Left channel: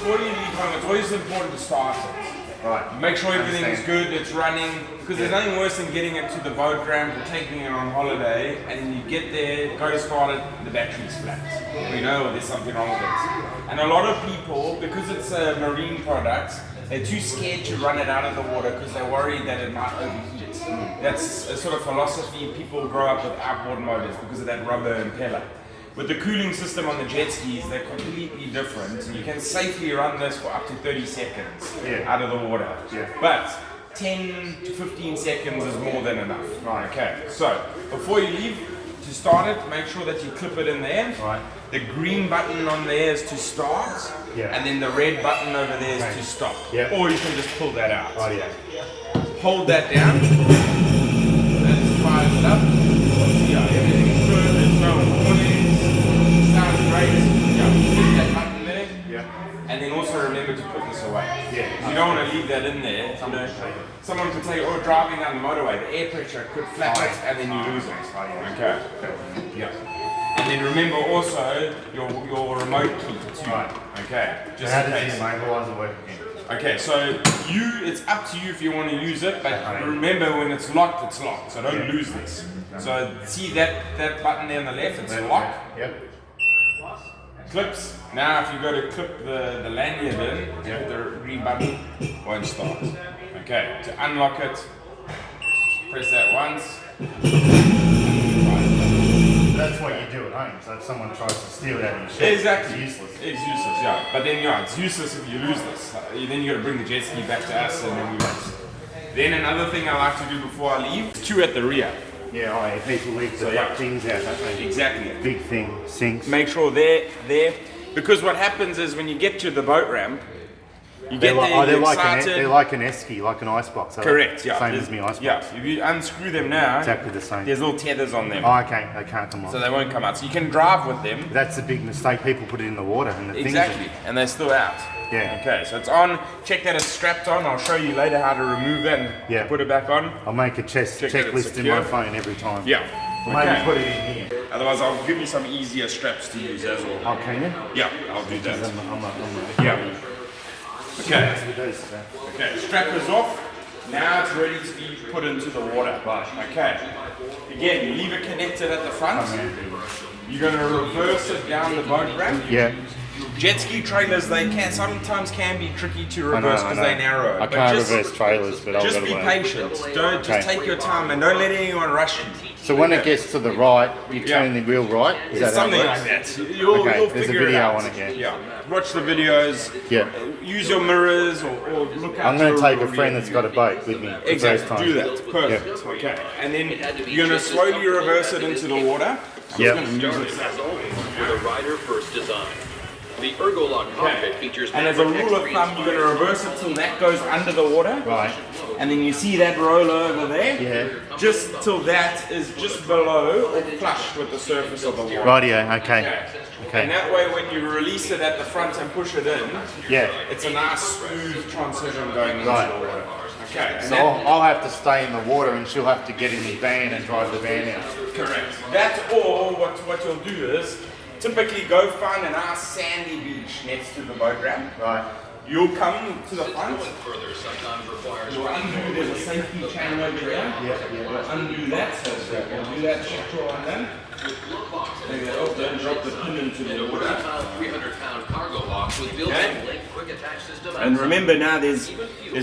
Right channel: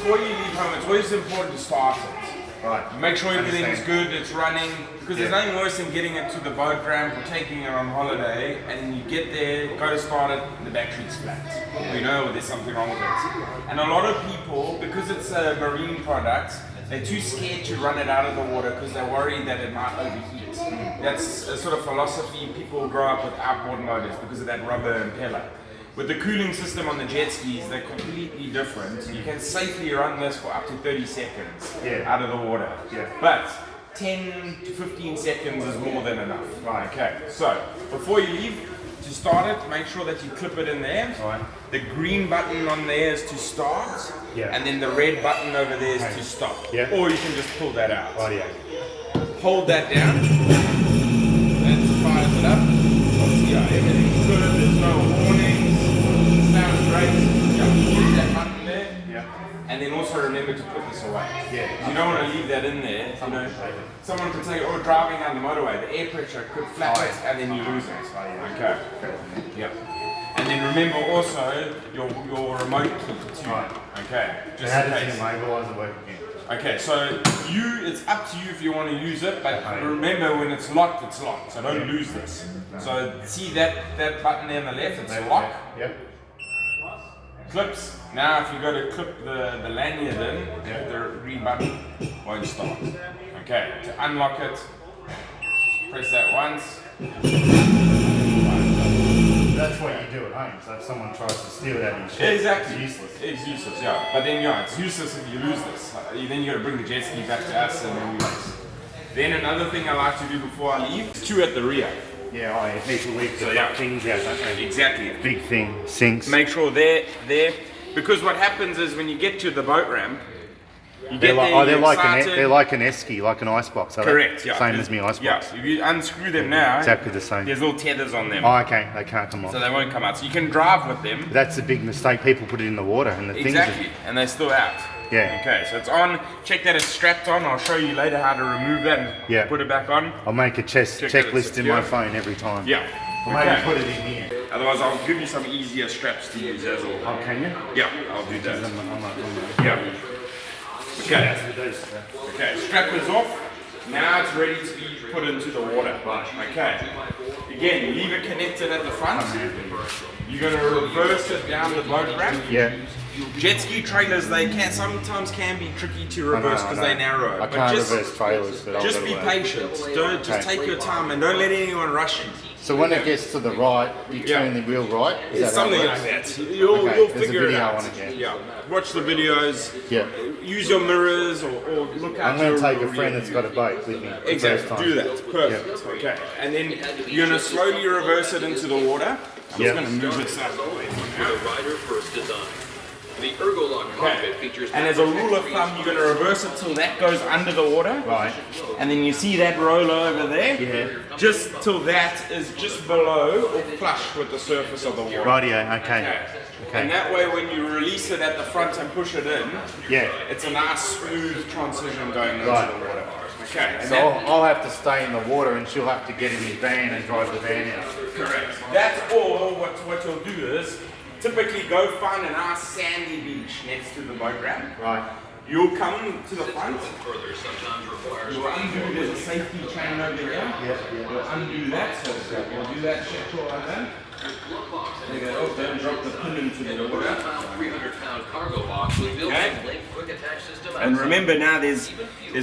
before you leave home, it's always important to start it. Right. Make sure everything is good, it's running, because there's nothing worse than getting it to the boat ramp or taking it on holiday, and you get there, go to start it, and the battery's flat. You know there's something wrong with it. And a lot of people, because it's a marine product, they're too scared to run it out of the water because they're worried that it might overheat. That's a sort of philosophy people grow up with outboard motors because of that rubber impeller. With the cooling system on the jet skis, they're completely different. You can safely run this for up to 30 seconds out of the water. But 10 to 15 seconds is more than enough. Right. Okay, so before you leave, to start it, make sure that you clip it in there. Right. The green button on there is to start, and then the red button over there is to stop. Or you can just pull that out. Hold that down. Let's fire it up. Yeah, everything's good, there's no warnings. Sounds great. Yeah, push that button there. And then also remember to put this away. You don't want to leave that in there. You know, someone could say, driving down the motorway, the air pressure could flap it and then you lose it. Okay. And then remember also your remote key too. Okay. Just how does the immobilizer work again? Okay, so it's up to you if you want to use it, but remember when it's locked, so don't lose this. So see that button there on the left, it's lock. Clips. Now if you go to clip the lanyard in, the green button won't start. Okay, to unlock it, press that once. That's what you do at home, so if someone tries to steal it out of your shed, it's useless. It's useless, yeah. But then it's useless if you lose this. Then you got to bring the jet ski back to us and then we race. Then another thing I like to do before I leave, 2 at the rear. People leave the things out, don't they? Exactly. Big thing, sinks. Make sure they're there, because what happens is when you get to the boat ramp, you get they're like an esky, like an icebox. Correct, Same as me icebox. If you unscrew them now, exactly the same. There's little tethers on them. Okay, they can't come off. So they won't come out. So you can drive with them. That's a big mistake. People put it in the water and the and they're still out. Okay, so it's on. Check that it's strapped on. I'll show you later how to remove it and put it back on. I'll make a checklist in my phone every time. Maybe put it in here. Otherwise, I'll give you some easier straps to use as well. Oh, can you? Yeah, I'll do that. I'm not Okay, strap is off. Now it's ready to be put into the water. Okay. Again, you leave it connected at the front. You're going to reverse it down the boat ramp. Jet ski trailers, they sometimes can be tricky to reverse because they're narrow. I can't reverse trailers, but I'll just be patient. Just take your time and don't let anyone rush you. So when it gets to the right, you turn the wheel right? It's something like that. You'll figure it out. Watch the videos. Use your mirrors or look out. I'm going to take a friend that's got a boat with me. Exactly. Do that. Perfect. Okay. And then you're going to slowly reverse it into the water. I'm just going to move this out. For the rider first design. The Ergolock cockpit features. And as a rule of thumb, you're going to reverse it till that goes under the water. Right. And then you see that roller over there. Just till that is just below or flush with the surface of the water. Okay. And that way, when you release it at the front and push it in, it's a nice smooth transition going into the water. Okay. So I'll have to stay in the water and she'll have to get in the van and drive the van out. Correct. That's all. What you'll do is typically go find a nice sandy beach next to the boat ramp. Right. You'll come to the front. You'll undo, there's a safety chain over here. You'll undo that. So we'll do that check on that. There you go. Then drop the pin into the water. 300-pound cargo box with built-in quick attach system. And remember now, there's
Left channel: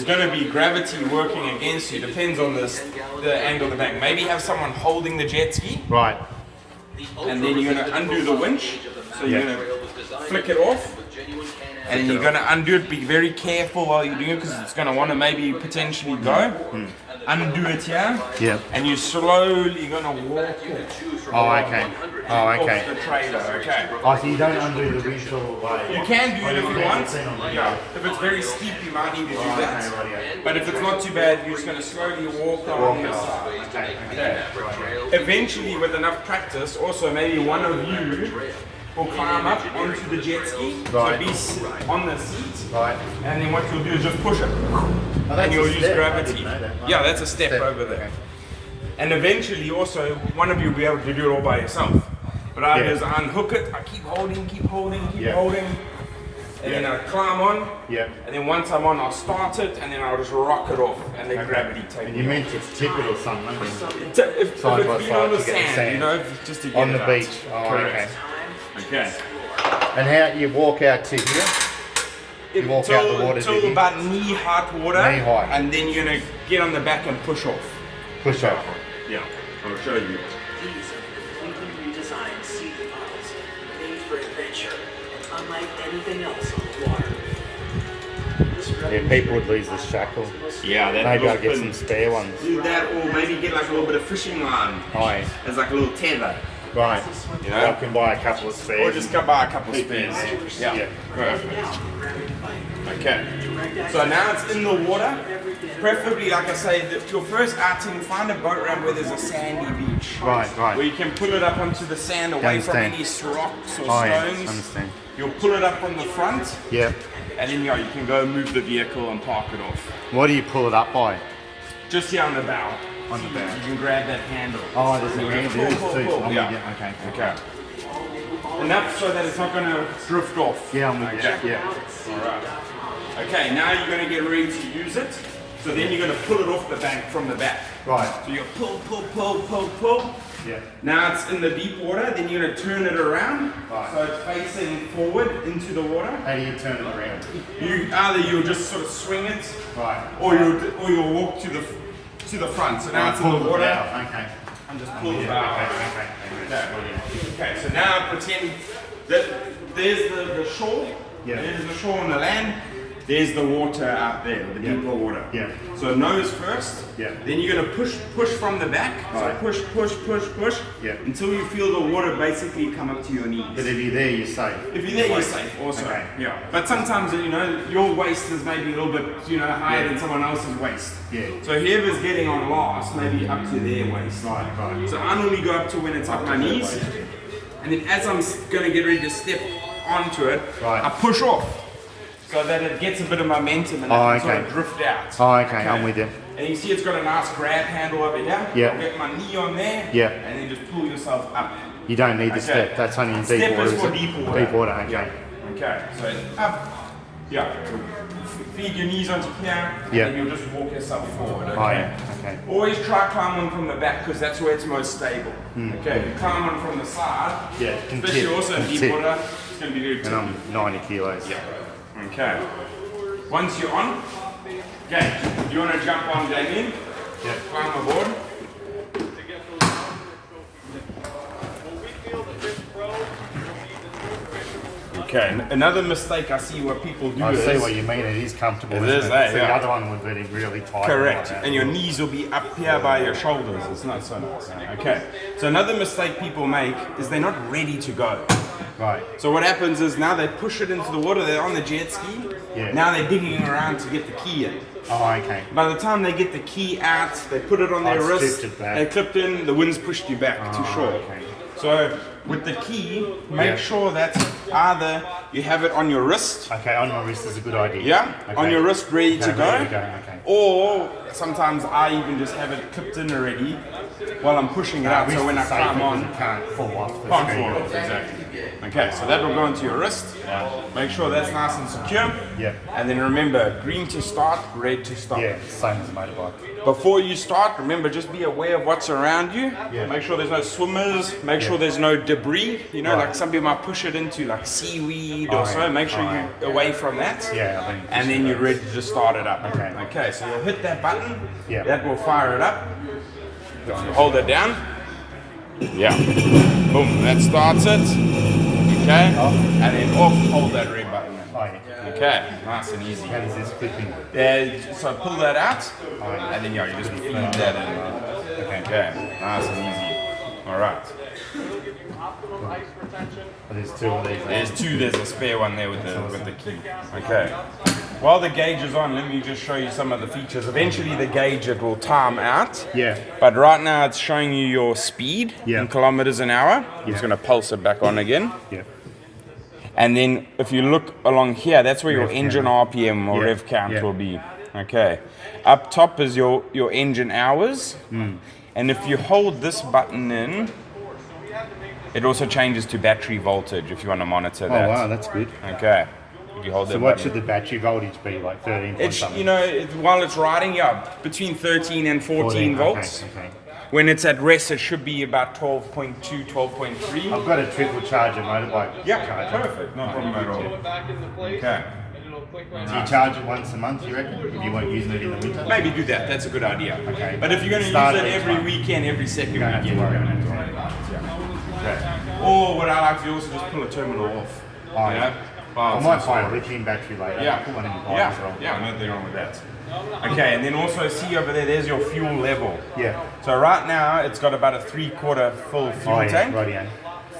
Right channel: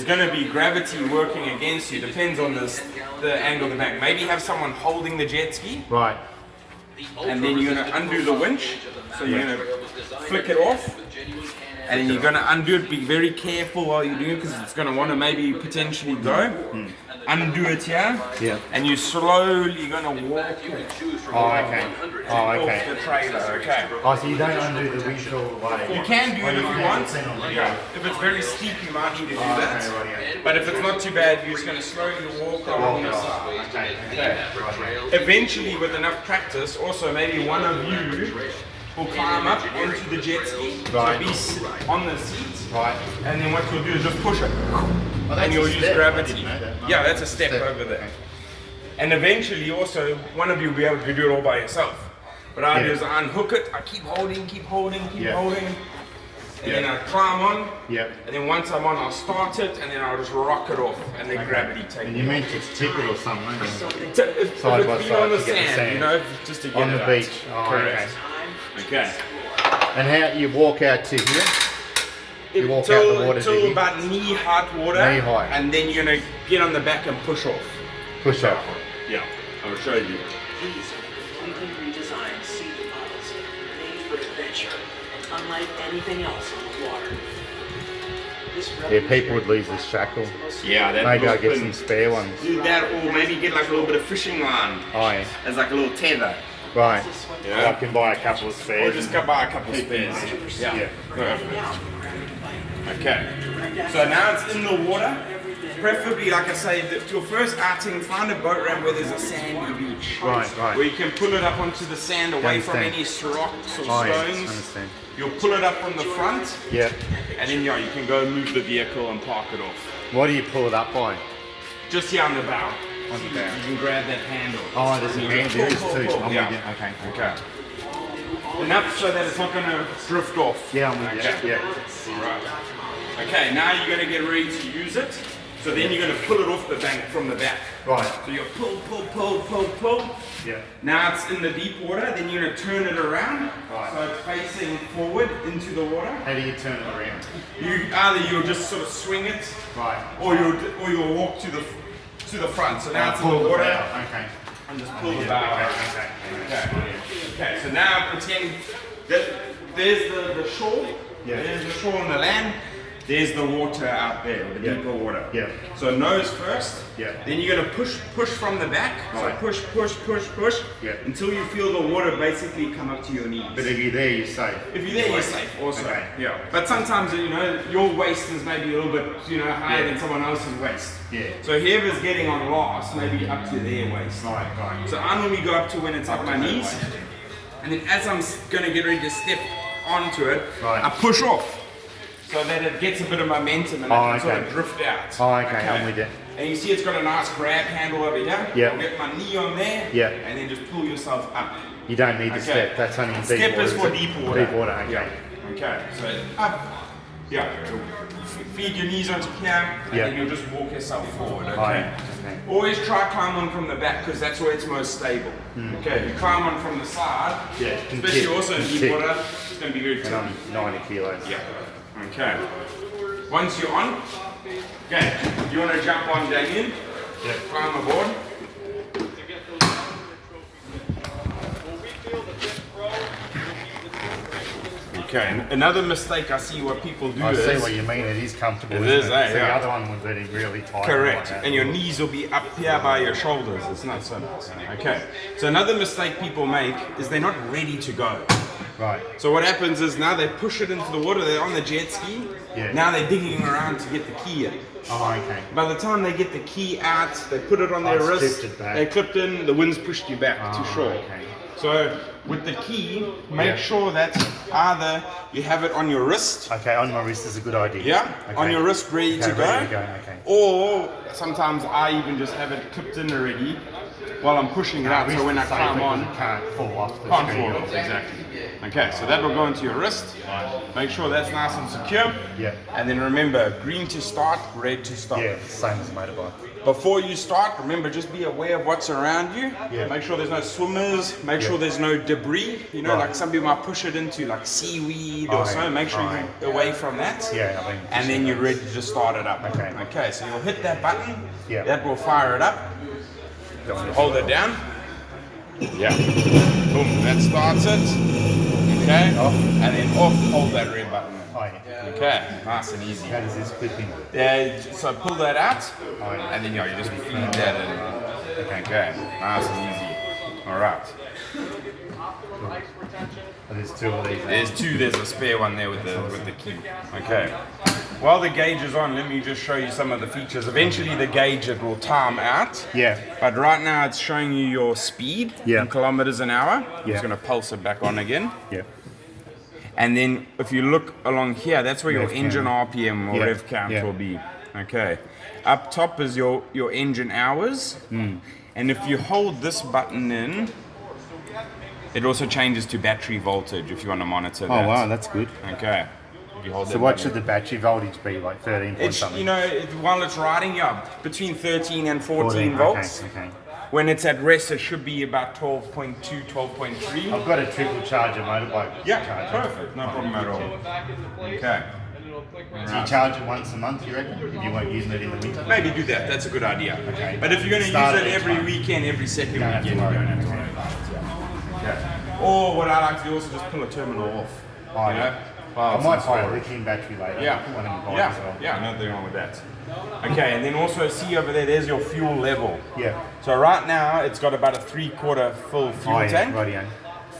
going to be gravity working against you. Depends on the angle of the back. Maybe have someone holding the jet ski. Right. And then you're going to undo the winch. So you're going to flick it off. And then you're going to undo it. Be very careful while you're doing it because it's going to want to maybe potentially go. Undo it here. And you're slowly going to walk it. Off the trailer. Okay. So you don't undo the windshield way. You can do it if you want. If it's very steep, you might need to do that. But if it's not too bad, you're just going to slowly walk along the side. Eventually, with enough practice, also maybe one of you will climb up onto the jet ski, so be on the seat, and then what you'll do is just push it, and you'll use gravity. Yeah, that's a step over there. And eventually, also, one of you will be able to do it all by yourself. What I do is I unhook it, I keep holding, and then I'll climb on, Yeah. and then once I'm on, I'll start it, and then I'll just rock it off, and then gravity takes And me. you meant to tip it or something, If Side it's by been side on the to get the sand, sand. you know, just to get on it the out. beach. Oh, Correct. Okay. And how you walk out to here? You walk out the water, do Until you? about knee-height water, Knee height. and then you're gonna get on the back and push off. Push up. Yeah, I'll show you. These are completely redesigned seating models, made for adventure, and unlike anything else on the water. This Yeah, people would lose this shackle. Yeah, that Maybe I'll little get pin. some spare ones. Do that, or maybe get like a little bit of fishing line Aye. as like a little tether. Right. Yeah. I can buy a couple of spares. Or just go buy a couple of spares. Yeah. Perfect. Okay. So now it's in the water. Preferably, like I say, your first outing, find a boat ramp where there's a sandy beach. Right, right. Where you can pull it up onto the sand away from Understand. any rocks or Oh, yeah, stones. understand. You'll pull it up on the front, Yeah. and then yeah, you can go move the vehicle and park it off. What do you pull it up by? Just here on the bow. On the bow. You can grab that handle. Oh, there's a hand. There is two. I'm Yeah. with you. Okay. Okay. Enough so that it's not going to drift off. Yeah, I'm with you. Okay. Yeah. Alright. Okay, now you're going to get ready to use it. So then you're going to pull it off the bank from the back. Right. So you pull. Yeah. Now it's in the deep water, then you're going to turn it around. Right. So it's facing forward into the water. How do you turn it around? Either you'll just sort of swing it, Right. or you'll walk to the front. So now it's in pull the the water. bow. Okay. And just pull the Yeah, bow. okay. Okay, so now pretend that there's the shore, Yeah. there's the shore on the land, there's the water out there, the Yeah. deeper water. Yeah. So nose first, Yeah. then you're gonna push from the back, so Right. push, Yeah. until you feel the water basically come up to your knees. But if you're there, you're safe. If you're there, you're safe also. Okay. Yeah. But sometimes, you know, your waist is maybe a little bit, higher than someone else's waist. Yeah. So whoever's getting on last, maybe up to their waist. Right, right. So I normally go up to when it's up my knees, and then as I'm going to get ready to step onto it, Right. I push off so that it gets a bit of momentum and I can sort of okay. drift out. Oh, okay, I'm with you. And you see it's got a nice grab handle over here. Yeah. I'll get my knee on there, Yeah. and then just pull yourself up. You don't need to Okay. step. That's only in deep Step water. is for it? deep water. Deep water, okay. Yeah. Okay, so up. Yeah. Feed your knees onto here, and Yeah. then you'll just walk yourself forward. Okay. Right, okay. Always try climb on from the back because that's where it's most stable. Okay. You climb on from the side. Yeah, it can Especially tip, also in can deep tip. water, it's going to be very And tippy. I'm 90 kilos. Yeah. Okay. Once you're on, okay, you want to jump on, Damien? Yeah. Climb aboard. Okay, another mistake I see what people do I is... see what you mean. It is comfortable. It isn't is, it? eh? So Yeah. the other one would be really tight. Correct, like that. and your knees will be up here by your shoulders. It's not so nice. Okay, so another mistake people make is they're not ready to go. Right. So what happens is now they push it into the water, they're on the jet ski, Yeah. now they're digging around to get the key in. Oh, okay. By the time they get the key out, they put it on Oh, their it's wrist, clipped it back. they clipped in, the wind's pushed you back to Oh, shore. okay. So with the key, make Yeah. sure that either you have it on your wrist, Okay, on my wrist is a good idea. yeah, Okay. on your wrist ready to Okay, go, ready to go, okay. or sometimes I even just have it clipped in already while I'm pushing it out, so when I climb on, you can't fall off the can't ski. fall off, exactly. Okay, so that will go into your wrist. Make sure that's nice and secure. Yeah. And then remember, green to start, red to stop. Yeah, same as a motorbike. Before you start, remember, just be aware of what's around you. Yeah. Make sure there's no swimmers. Make sure there's no debris. You know, Right. like some people might push it into like seaweed Oh, or so. yeah. Make sure Oh, you're away from that. Yeah, I mean. And then you're ready to just start it up. Okay. Okay, so you'll hit that button. Yeah. That will fire it up. Hold it down. Yeah. Boom. That starts it. Okay. Off. And then off. Hold that red button. Oh, yeah. Okay. Nice and easy. How does this clip in? So pull that out. Oh, yeah. And then you just feed that in. Okay. Nice and easy. All right. Oh, there's two of these. There's two. There's a spare one there with the key. Okay. While the gauge is on, let me just show you some of the features. Eventually, the gauge it will time out. Yeah. But right now, it's showing you your speed Yeah. in kilometers an hour. I'm Yeah. just going to pulse it back on again. Yeah. And then if you look along here, that's where your Rev engine count. RPM or Yeah, rev count yeah. will be. Okay. Up top is your engine hours. And if you hold this button in, it also changes to battery voltage if you want to monitor that. Oh, wow, that's good. Okay. if you hold So that what button. should the battery voltage be? Like 13 point It's, something? you know, while it's riding, yeah, between 13 and 14 volts. Okay. When it's at rest, it should be about 12.2, 12.3. I've got a triple charger motorbike Yeah, charger. perfect. No problem at all. Okay. Do you charge it once a month, you reckon? If you weren't using it in the winter? Maybe do that. That's a good idea. Okay. But if you're going to Start use it each every month. weekend, every second You don't have to weekend, worry you don't about have to it. worry about it. Yeah. Or what I like to do also just pull a terminal off. Oh, you yeah. know? I might buy a lithium battery later. Yeah. I'll put one in the bike as well. Yeah, nothing wrong with that. Okay, and then also see over there, there's your fuel level. Yeah. So right now, it's got about a 3/4 full fuel tank. Right,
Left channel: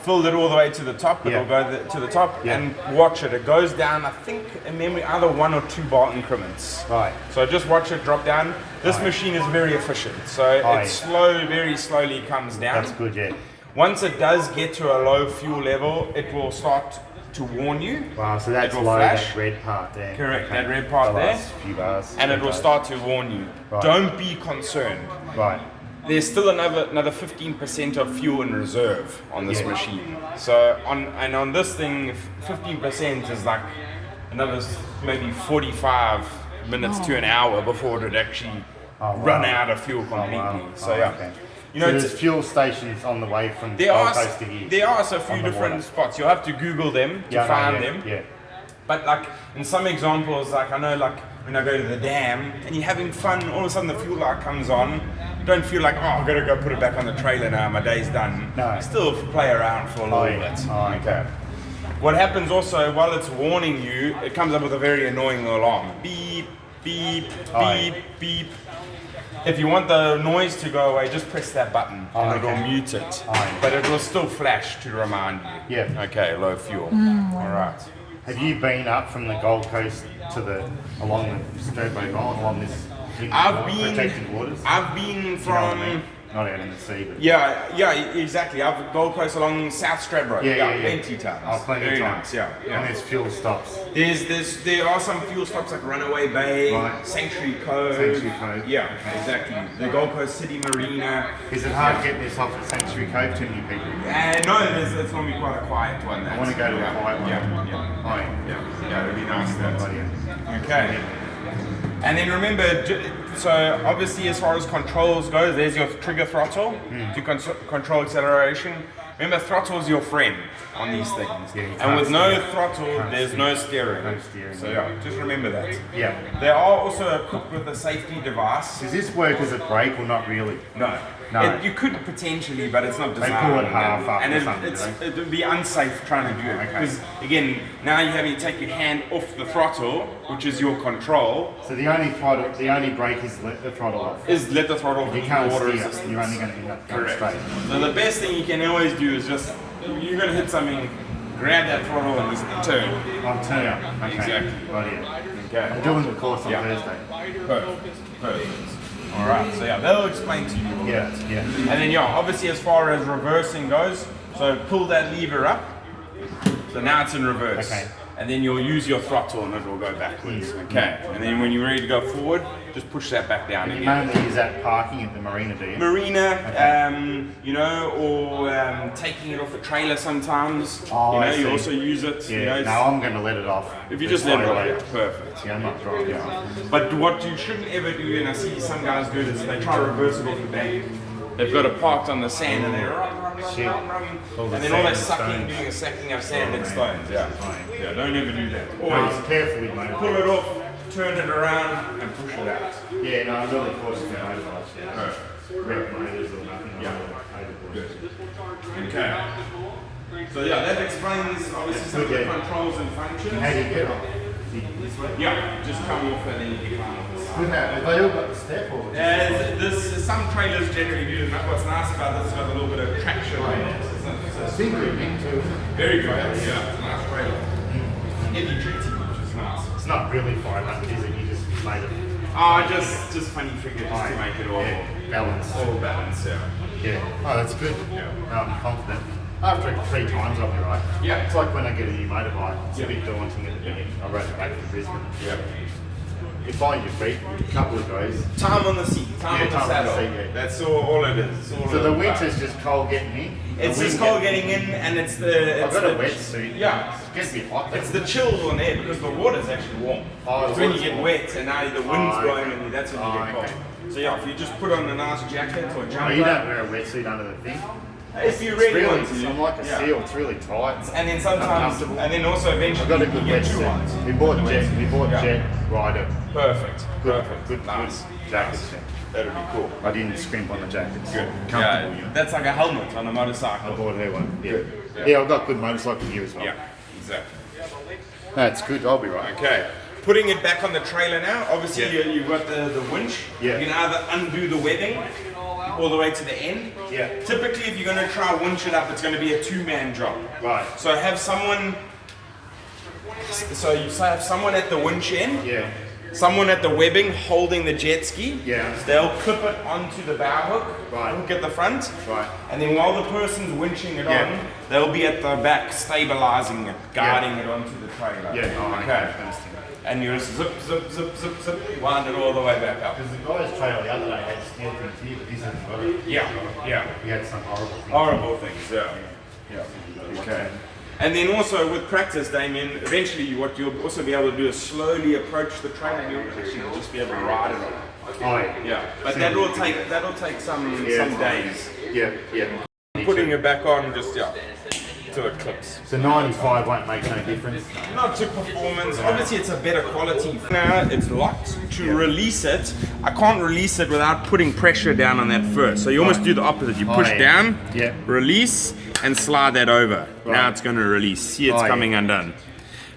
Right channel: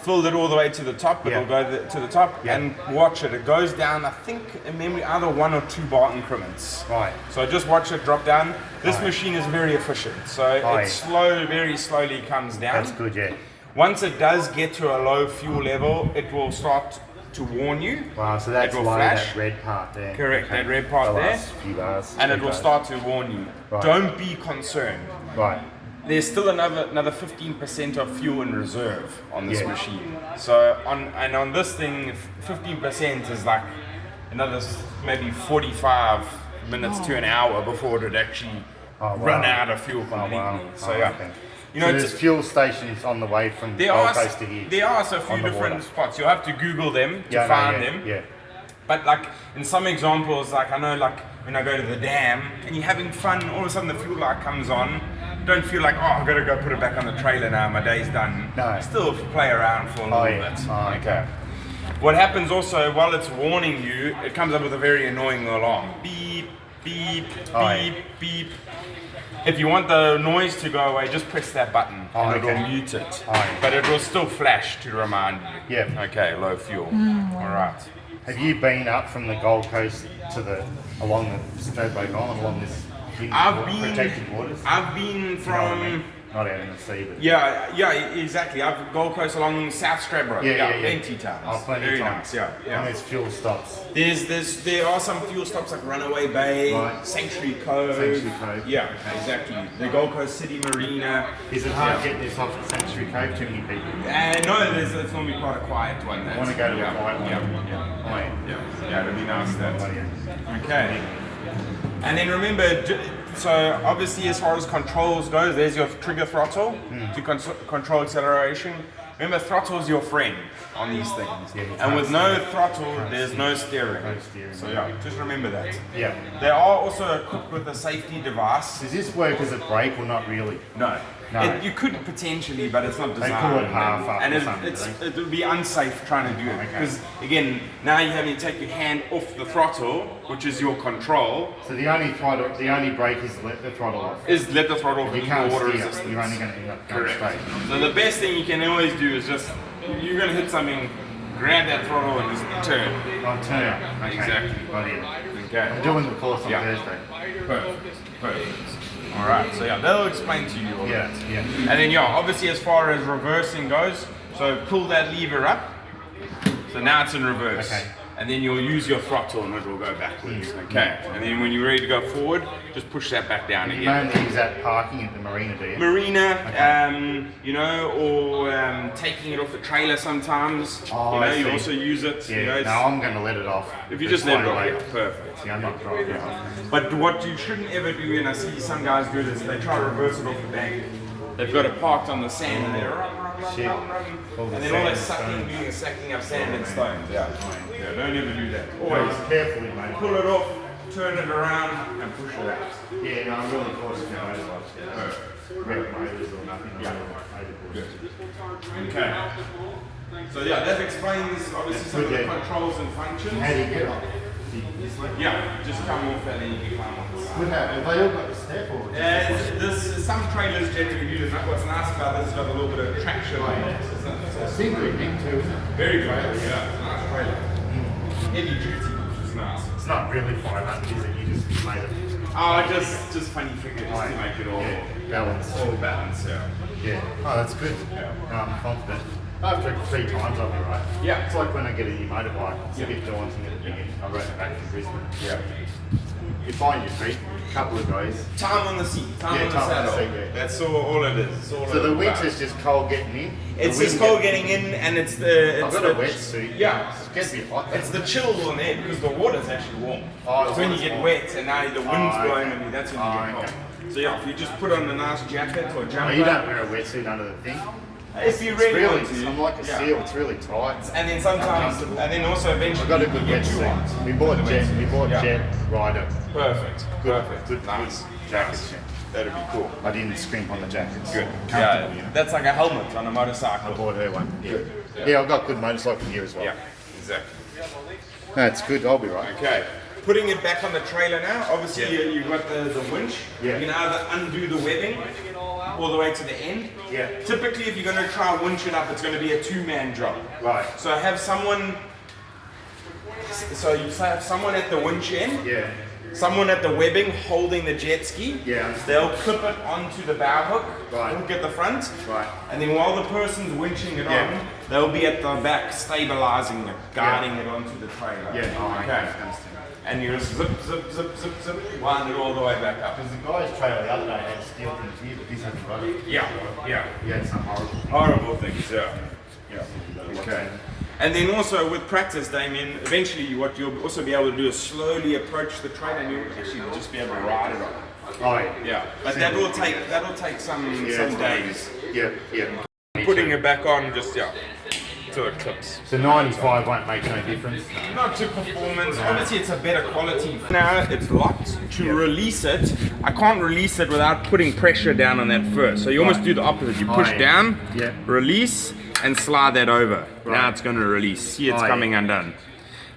Filled it all the way to the top, Yeah. it'll go to the top, Yeah. and watch it. It goes down, I think, in memory, either 1 or 2 bar increments. Right. So just watch it drop down. This machine is very efficient, so yeah. it very slowly comes down. That's good, yeah. Once it does get to a low fuel level, it will start to warn you. Wow, so that's It will low, flash. that red part there. Correct, that red part The there. last few bars. And it will Okay. start to warn you. Right. Don't be concerned. Right. There's still another 15% of fuel in reserve on this Yeah. machine. So on this thing, 15% is like another maybe 45 minutes to an hour before it would actually run out of fuel completely. Wow. So yeah, Okay. you So know, there's fuel stations on the way from there Gold are Coast to here. there are a few on the different water. spots. You'll have to Google them to Yeah, I know, find yeah, them. Yeah. But like in some examples, like I know, like when I go to the dam and you're having fun, all of a sudden the fuel light comes on. Don't feel like, oh, I've got to go put it back on the trailer now. My day's done. No. Still play around for a little yeah. bit. Oh, okay. What happens also while it's warning you, it comes up with a very annoying alarm. Beep, beep, Oh, beep, beep. If you want the noise to go away, just press that button Oh, and it'll okay. mute it. Oh, yeah. But it will still flash to remind you. Yeah. Okay, low fuel. All right. Have you been up from the Gold Coast to along the Sturbo Island, along this protected waters? I've been You know what I from. mean? Not out in the sea, but Yeah, exactly. I've Gold Coast along South Stradbroke. Yeah. Plenty times. Oh, plenty Very times. nice, yeah. And there's fuel stops. There are some fuel stops like Runaway Bay, Right. Sanctuary Cove. Sanctuary Cove. Yeah, exactly. The Gold Coast City Marina. Is it hard getting this off at Sanctuary Cove? Too many people. No, it's normally quite a quiet one. I want to go to a quiet one. Yeah, it'll be nice that. Oh, yeah. Okay. And then remember, so obviously as far as controls goes, there's your trigger throttle to control acceleration. Remember, throttle is your friend on these things. Yeah, you and can't with no steer. throttle, Can't there's steer. no steering. No steering. So yeah, just remember that. Yeah. They are also equipped with a safety device. Does this work as a brake or not really? No. No. You could potentially, but it's not They designed. pull it half up and or something, it would be unsafe trying to do it. Okay. Because, again, now you're having to take your hand off the throttle, which is your control, So the only brake is let the throttle off. is let the throttle You be can't water steer. resistance. You're only going to end up going straight. So the best thing you can always do is just, you're going to hit something, grab that throttle and just turn. On turn. Okay. Exactly. Right here. Okay. I'm doing the course on Yeah. Thursday. Perfect. All right. So yeah, they'll explain to you all Yeah. that. Yeah. And then yeah, obviously as far as reversing goes, so pull that lever up. So now it's in reverse. Okay. And then you'll use your throttle and it will go backwards. Okay. And then when you're ready to go forward, just push that back down You again. mainly use that parking at the marina, do you? Marina, Okay. you know, or taking it off the trailer sometimes. Oh, you know, I you see. also use it. Yeah. You know, No, I'm going to let it off. if you just let it away. off, yeah, perfect. Yeah, I'm not driving off. But what you shouldn't ever do, and I see some guys do this, they try to reverse it off the bank. They've got it parked on the sand and they're running, Shit. and then all they're sucking, doing a sucking of sand and stones. Yeah, don't ever do that. Always Please, carefully, mate. pull it off, turn it around, and push it out. Yeah, no, I'm really cautious with motorbikes. Yeah. Wreck motors or nothing. Yeah. Okay. So yeah, that explains obviously some of the controls and functions. How do you get off? This way? Yeah, just come off and then you can climb off the side. Good man. Have they all got the step or? Some trailers generally do. What's nice about this is got a little bit of traction on it. It's big big too. Very good. Yeah, it's a nice trailer. Heavy duty, which is nice. It's not really 500, is it? You just made it. Just funny figure just to make it all balance. all balanced. Yeah. Yeah. Oh, that's good. Yeah. No, I'm confident. After 3 times, I'll be right. Yeah. It's like when I get a new motorbike. It's Yeah. a bit daunting at the beginning. I rode it back to Brisbane. Yeah. You find your feet, a couple of days. Time on the seat. Time Yeah, on the time on the saddle. seat, yeah. That's all it is. It's all So the about. winter's just cold getting in. It's The just wind cold getting in, and it's the. I've It's got a the- wetsuit. Yeah, gets a bit hot. It's the chill on there because the water's actually warm. Oh, it's when you it's get warm. wet and now the wind's Oh, blowing okay. on you, that's when you Oh, get cold. okay. So yeah, if you just put on a nice jacket or jumper. Oh, you don't wear a wetsuit under the thing? If you It's really want to. I'm like a yeah. seal, it's really tight. And then sometimes, Uncomfortable. and then also eventually I've got a you good get too hot. wetsuit. We bought Yeah. Jet Rider. Perfect. Perfect. Good Nice. jackets. That'd be cool. I didn't scrimp on the jackets. Good. Comfortable, Yeah, you know. that's like a helmet on a I motorcycle. bought her one. Yeah. Good. Yeah, I've got good motorcycle gear as well. Yeah, exactly. That's good. I'll be right. Okay. Putting it back on the trailer now. Obviously, Yeah. you've got the winch. Yeah. You can either undo the webbing all the way to the end. Yeah. Typically, if you're going to try winch it up, it's going to be a two-man job. Right. So have someone. So you have someone at the winch end. Yeah. Someone at the webbing holding the jet ski. Yeah. They'll clip it onto the bow hook. Right. Hook at the front. Right. And then while the person's winching it Yeah. on, they'll be at the back stabilizing it, guarding it onto the trailer. Yeah. Oh, Okay. I understand. And you just zip, zip, zip, zip, zip, wind it all the way back up. Because the guy's trailer the other day had steel things here, but this hasn't got it. Yeah, yeah. He had some horrible thing. Horrible things, yeah. Yeah. Okay. And then also with practice, Damien, eventually what you'll also be able to do is slowly approach the trailer and you'll actually just be able to ride it on. Oh, yeah. Yeah. But that'll take some days. Yeah, yeah. Putting it back on just so it clips. So 95 won't make no difference. Not to performance. Obviously, it's a better quality. Now it's locked. To release it, I can't release it without putting pressure down on that first. So you almost do the opposite. You push yeah. down, Yeah. release, and slide that over. Now Right. it's going to release. See, it's Oh, coming yeah. undone.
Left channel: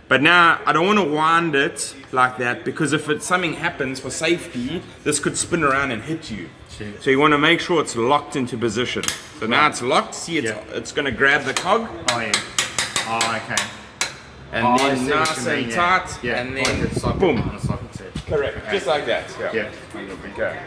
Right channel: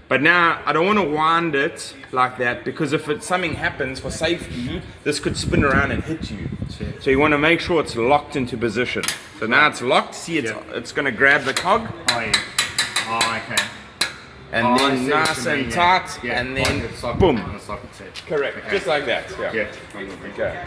But now I don't want to wind it like that because if something happens for safety, this could spin around and hit you. Sure. So you want to make sure it's locked into position. So now it's locked. See, Yeah. it's going to grab the cog. Oh, yeah. Oh, okay. And I then see what nice you mean, and yeah. tight, Yeah, and like then the socket boom. on a socket set. Correct, Okay. just like that. Yeah. Yeah. Okay.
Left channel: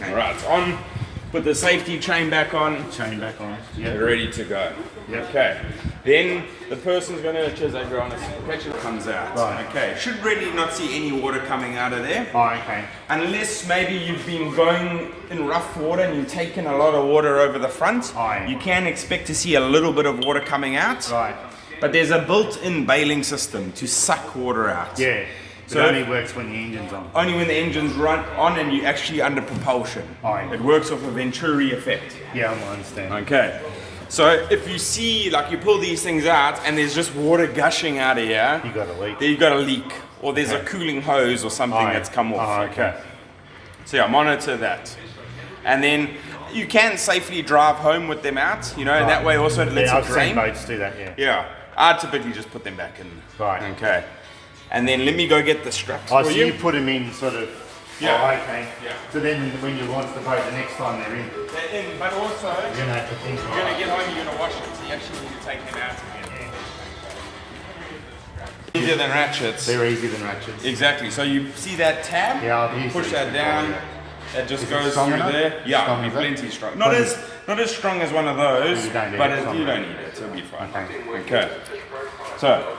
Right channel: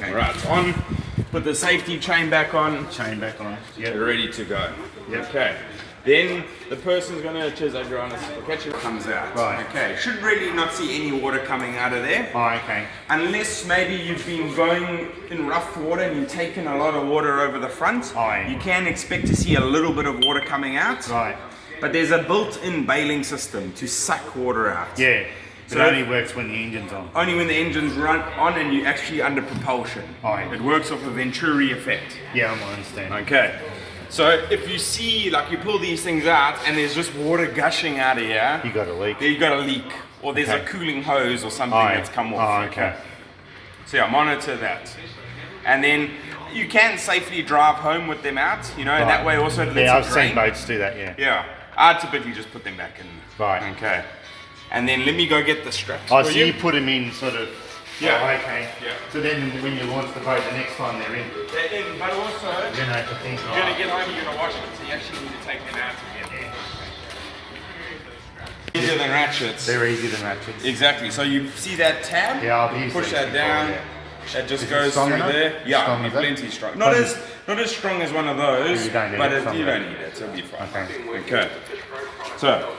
Okay. Right, it's on. Put the safety chain back on. Chain back on. Yeah. Ready to go. Yeah. Okay. Then the person's gonna, as I go on, catch it comes out. Right. Okay. Should really not see any water coming out of there. Oh, okay. Unless maybe you've been going in rough water and you've taken a lot of water over the front, Aye. you can expect to see a little bit of water coming out. Right. But there's a built-in bailing system to suck water out. Yeah. So it only works when the engine's on. Only when the engine's run on and you're actually under propulsion. Aye. It works off a Venturi effect. Yeah, I understand. Okay. So if you see, like you pull these things out and there's just water gushing out of here, You got a leak. there you got a leak. Or there's a Okay. cooling hose or something Aye. that's come off. Oh, okay. So yeah, monitor that. And then you can safely drive home with them out, and that way also it lets Yeah, I've it seen drain. boats do that, yeah. Yeah. I typically just put them back in. Right. Okay. And then let me go get the straps Oh, for so you put them in sort of. Yeah. Oh, okay. Yeah. So then when you launch the boat, the next time they're in, They're in, but also, you're going to have to think. you're going to get home, you're going to wash them, so you actually need to take them out again. Easier than ratchets. They're easier than ratchets. Exactly. So you see that tab? Yeah, I've you used push these that before, down. yeah. That just Is it goes strong through enough? there. Yeah, Strong it'll be as that? plenty strong. Not as strong as one of those, You don't need but it, you somewhere. don't need it. It'll be fine. Okay. Okay. So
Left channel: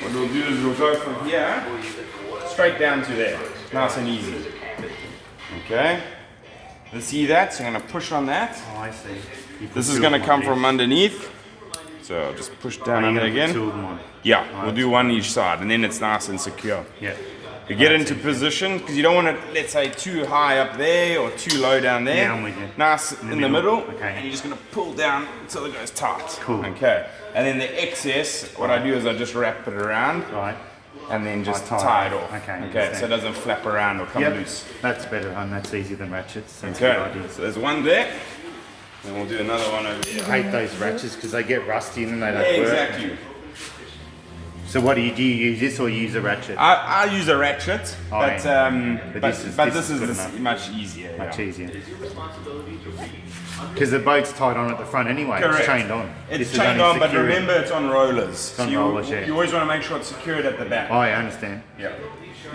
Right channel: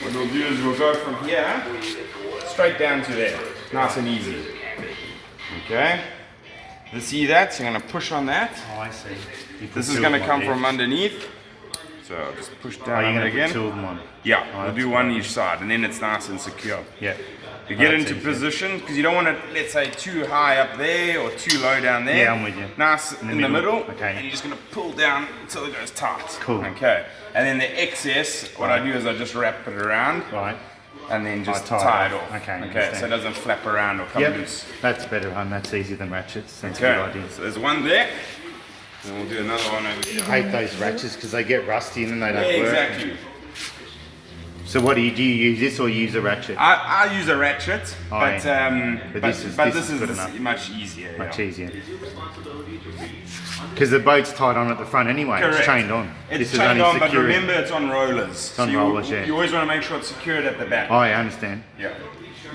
what we'll do is we'll go from here straight down to there. Nice and easy. Okay. You see that? So I'm going to push on that. Oh, I see. You put This is two going of to them come on from underneath. So I'll just push there. down Oh, on you're it going to put again. two of them on. Yeah, we'll do one each side, and then it's nice and secure. Yeah. You get That's into easy. position because you don't want it, let's say, too high up there or too low down there. Yeah, I'm with you. Nice in the middle. Okay. And you're just going to pull down until it goes tight. Cool. Okay. And then the excess, what I do is I just wrap it around Right. and then just Oh, tie tie it it off. off. Okay, Okay. understand. So it doesn't flap around or come Yep. loose. That's better, and that's easier than ratchets. That's a good Okay. idea. So there's one there. And we'll do another one over here. I hate those ratchets because they get rusty and then they Yeah, don't work. exactly. So what do you use this or use a ratchet? I use a ratchet, Oh, but yeah. But this is this good is enough. much easier. Much yeah. easier. Because the boat's tied on at the front anyway. Correct. It's chained on. It's This is chained only on, but securing- remember it's on rollers. on so rollers, yeah. you always want to make sure it's secured at the back. Oh, I understand. Yeah.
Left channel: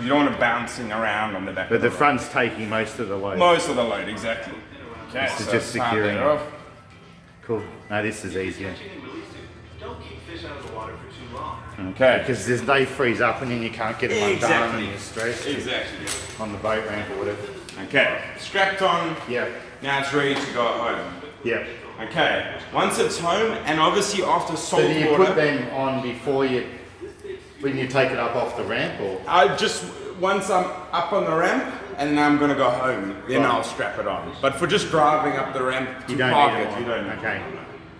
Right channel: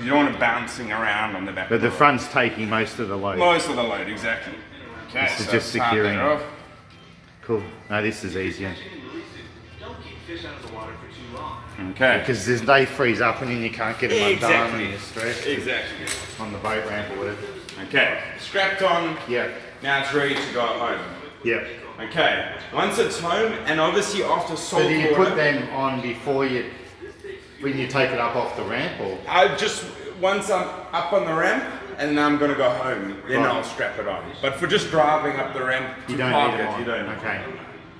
You don't want it bouncing around on the back. But of the roller. front's taking most of the load. Most of the load, exactly. Okay, This is so just start securing that it. off. Cool. No, this is easier. Okay. Because they freeze up and then you can't get them undone Exactly. and you're stressed Exactly. on the boat ramp or whatever. Okay. Strapped on. Yeah. Now it's ready to go home. Yeah. Okay, once it's home, and obviously after salt So do you water, put them on before when you take it up off the ramp, or? I just, once I'm up on the ramp, and then I'm gonna go home, then Right. I'll strap it on. But for just driving up the ramp to You don't park need it, it you on. don't. Okay.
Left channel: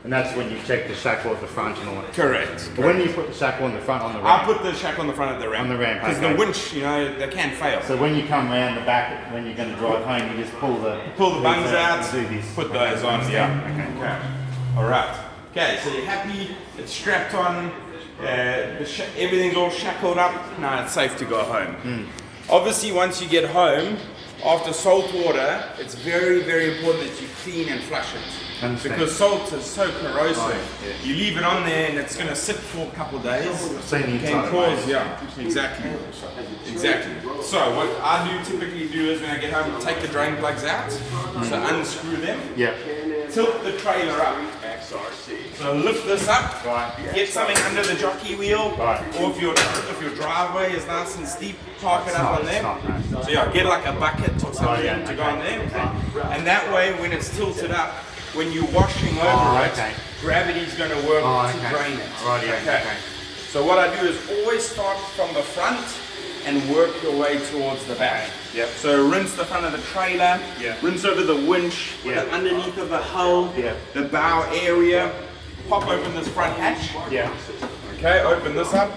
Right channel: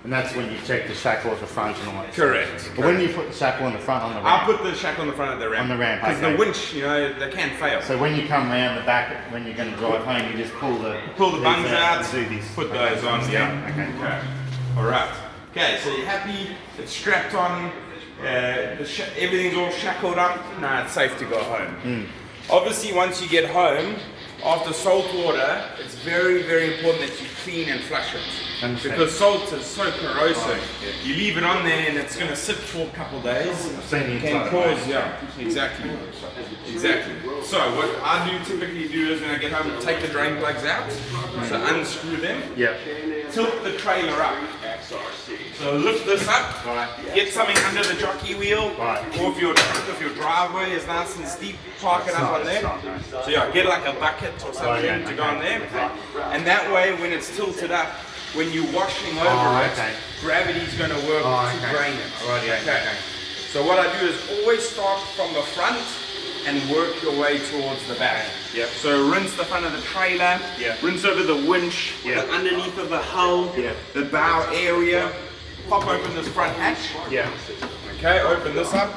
And that's when you check the shackle at the front and all that. Correct. But when you put the shackle on the front on the I'll ramp, put the shack on the front of the ramp. On the ramp, Because okay. the winch, you know, they can't fail. so when you come round the back, when you're going to drive home, you just pull the Bungs legs out, and do this. put Okay, those on, understand. yeah. Okay. Alright. Okay, so you're happy, it's strapped on, everything's all shackled up, now it's safe to go home. Obviously, once you get home, after salt water, it's very, very important that you clean and flush it. Understand. Because salt is so corrosive. Right, yeah. You leave it on there and it's going to sit for a couple of days. Seen the Can inside, cause, right? yeah, exactly. Exactly. So what I typically do is when I get home, take the drain plugs out, so unscrew them, Yeah. tilt the trailer up. So lift this up, Right. get something under the jockey wheel, Right. or if your driveway is nice and steep, park it up on there. nice. So yeah, get like a bucket or something yeah, to go okay, on there. okay. And that way when it's tilted up, when you're washing over Oh, it, okay. gravity's going to work Oh, to okay. drain it. Right, yeah, okay. So what I do is always start from the front and work your way towards the back. Yep. So rinse the front of the trailer, Yeah. rinse over the winch, Yeah. the underneath of the hull, Yeah. the bow area, pop open this front hatch. Yeah. Okay, open this up,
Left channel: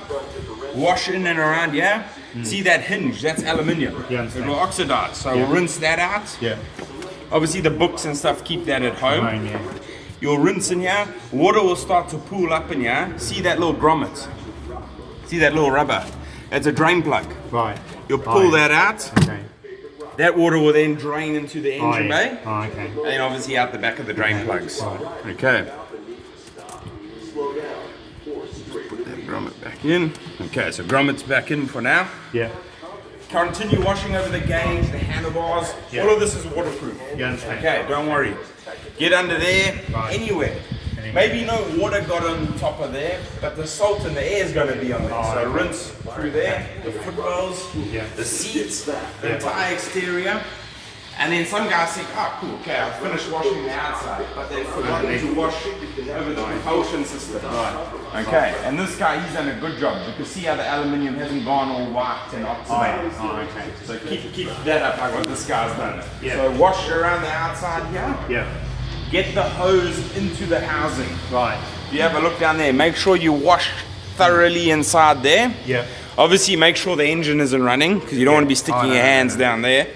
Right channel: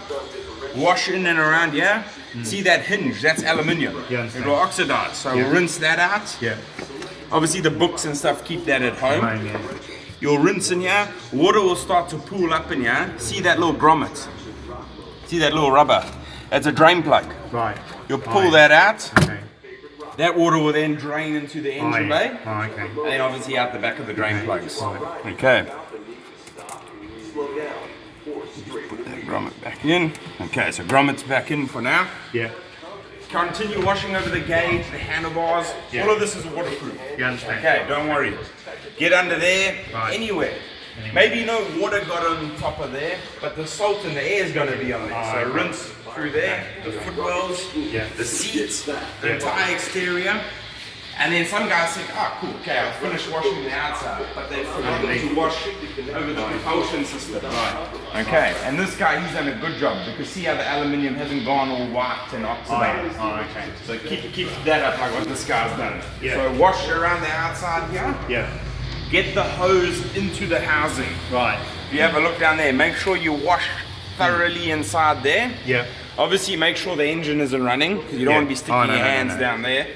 wash in and around here. See that hinge, that's aluminium. Yeah, I understand. It will oxidize, so Yeah. rinse that out. Yeah. Obviously the books and stuff, keep that at home. Right, yeah. You'll rinse in here, water will start to pool up in here. See that little grommet? See that little rubber? That's a drain plug. Right. You'll pull that out. Okay. That water will then drain into the engine bay. Oh, okay. And then obviously out the back of the drain plugs. Okay. Put that grommet back in. Okay, so grommet's back in for now. Yeah. Continue washing over the gauge, the handlebars. Yeah. All of this is waterproof. You understand? Okay, don't worry. Get under there, Right. anywhere. Maybe no water got on top of there, but the salt and the air is going to be on there. Oh, So okay. rinse through there, the footwells, Yeah. the seats, the entire exterior. And then some guys think, oh cool, okay, I've finished washing the outside, but they've forgotten to wash over the propulsion system. Right. Okay, and this guy, he's done a good job because see how the aluminium hasn't gone all white and oxidized. Oh, okay. So keep that up like what this guy's done. Yeah. So wash around the outside here. Yeah. Get the hose into the housing. Right. If you have a look down there, make sure you wash thoroughly inside there. Yeah. Obviously make sure the engine isn't running because you don't Yeah. want to be sticking Oh, no, your no, no, hands no. down there.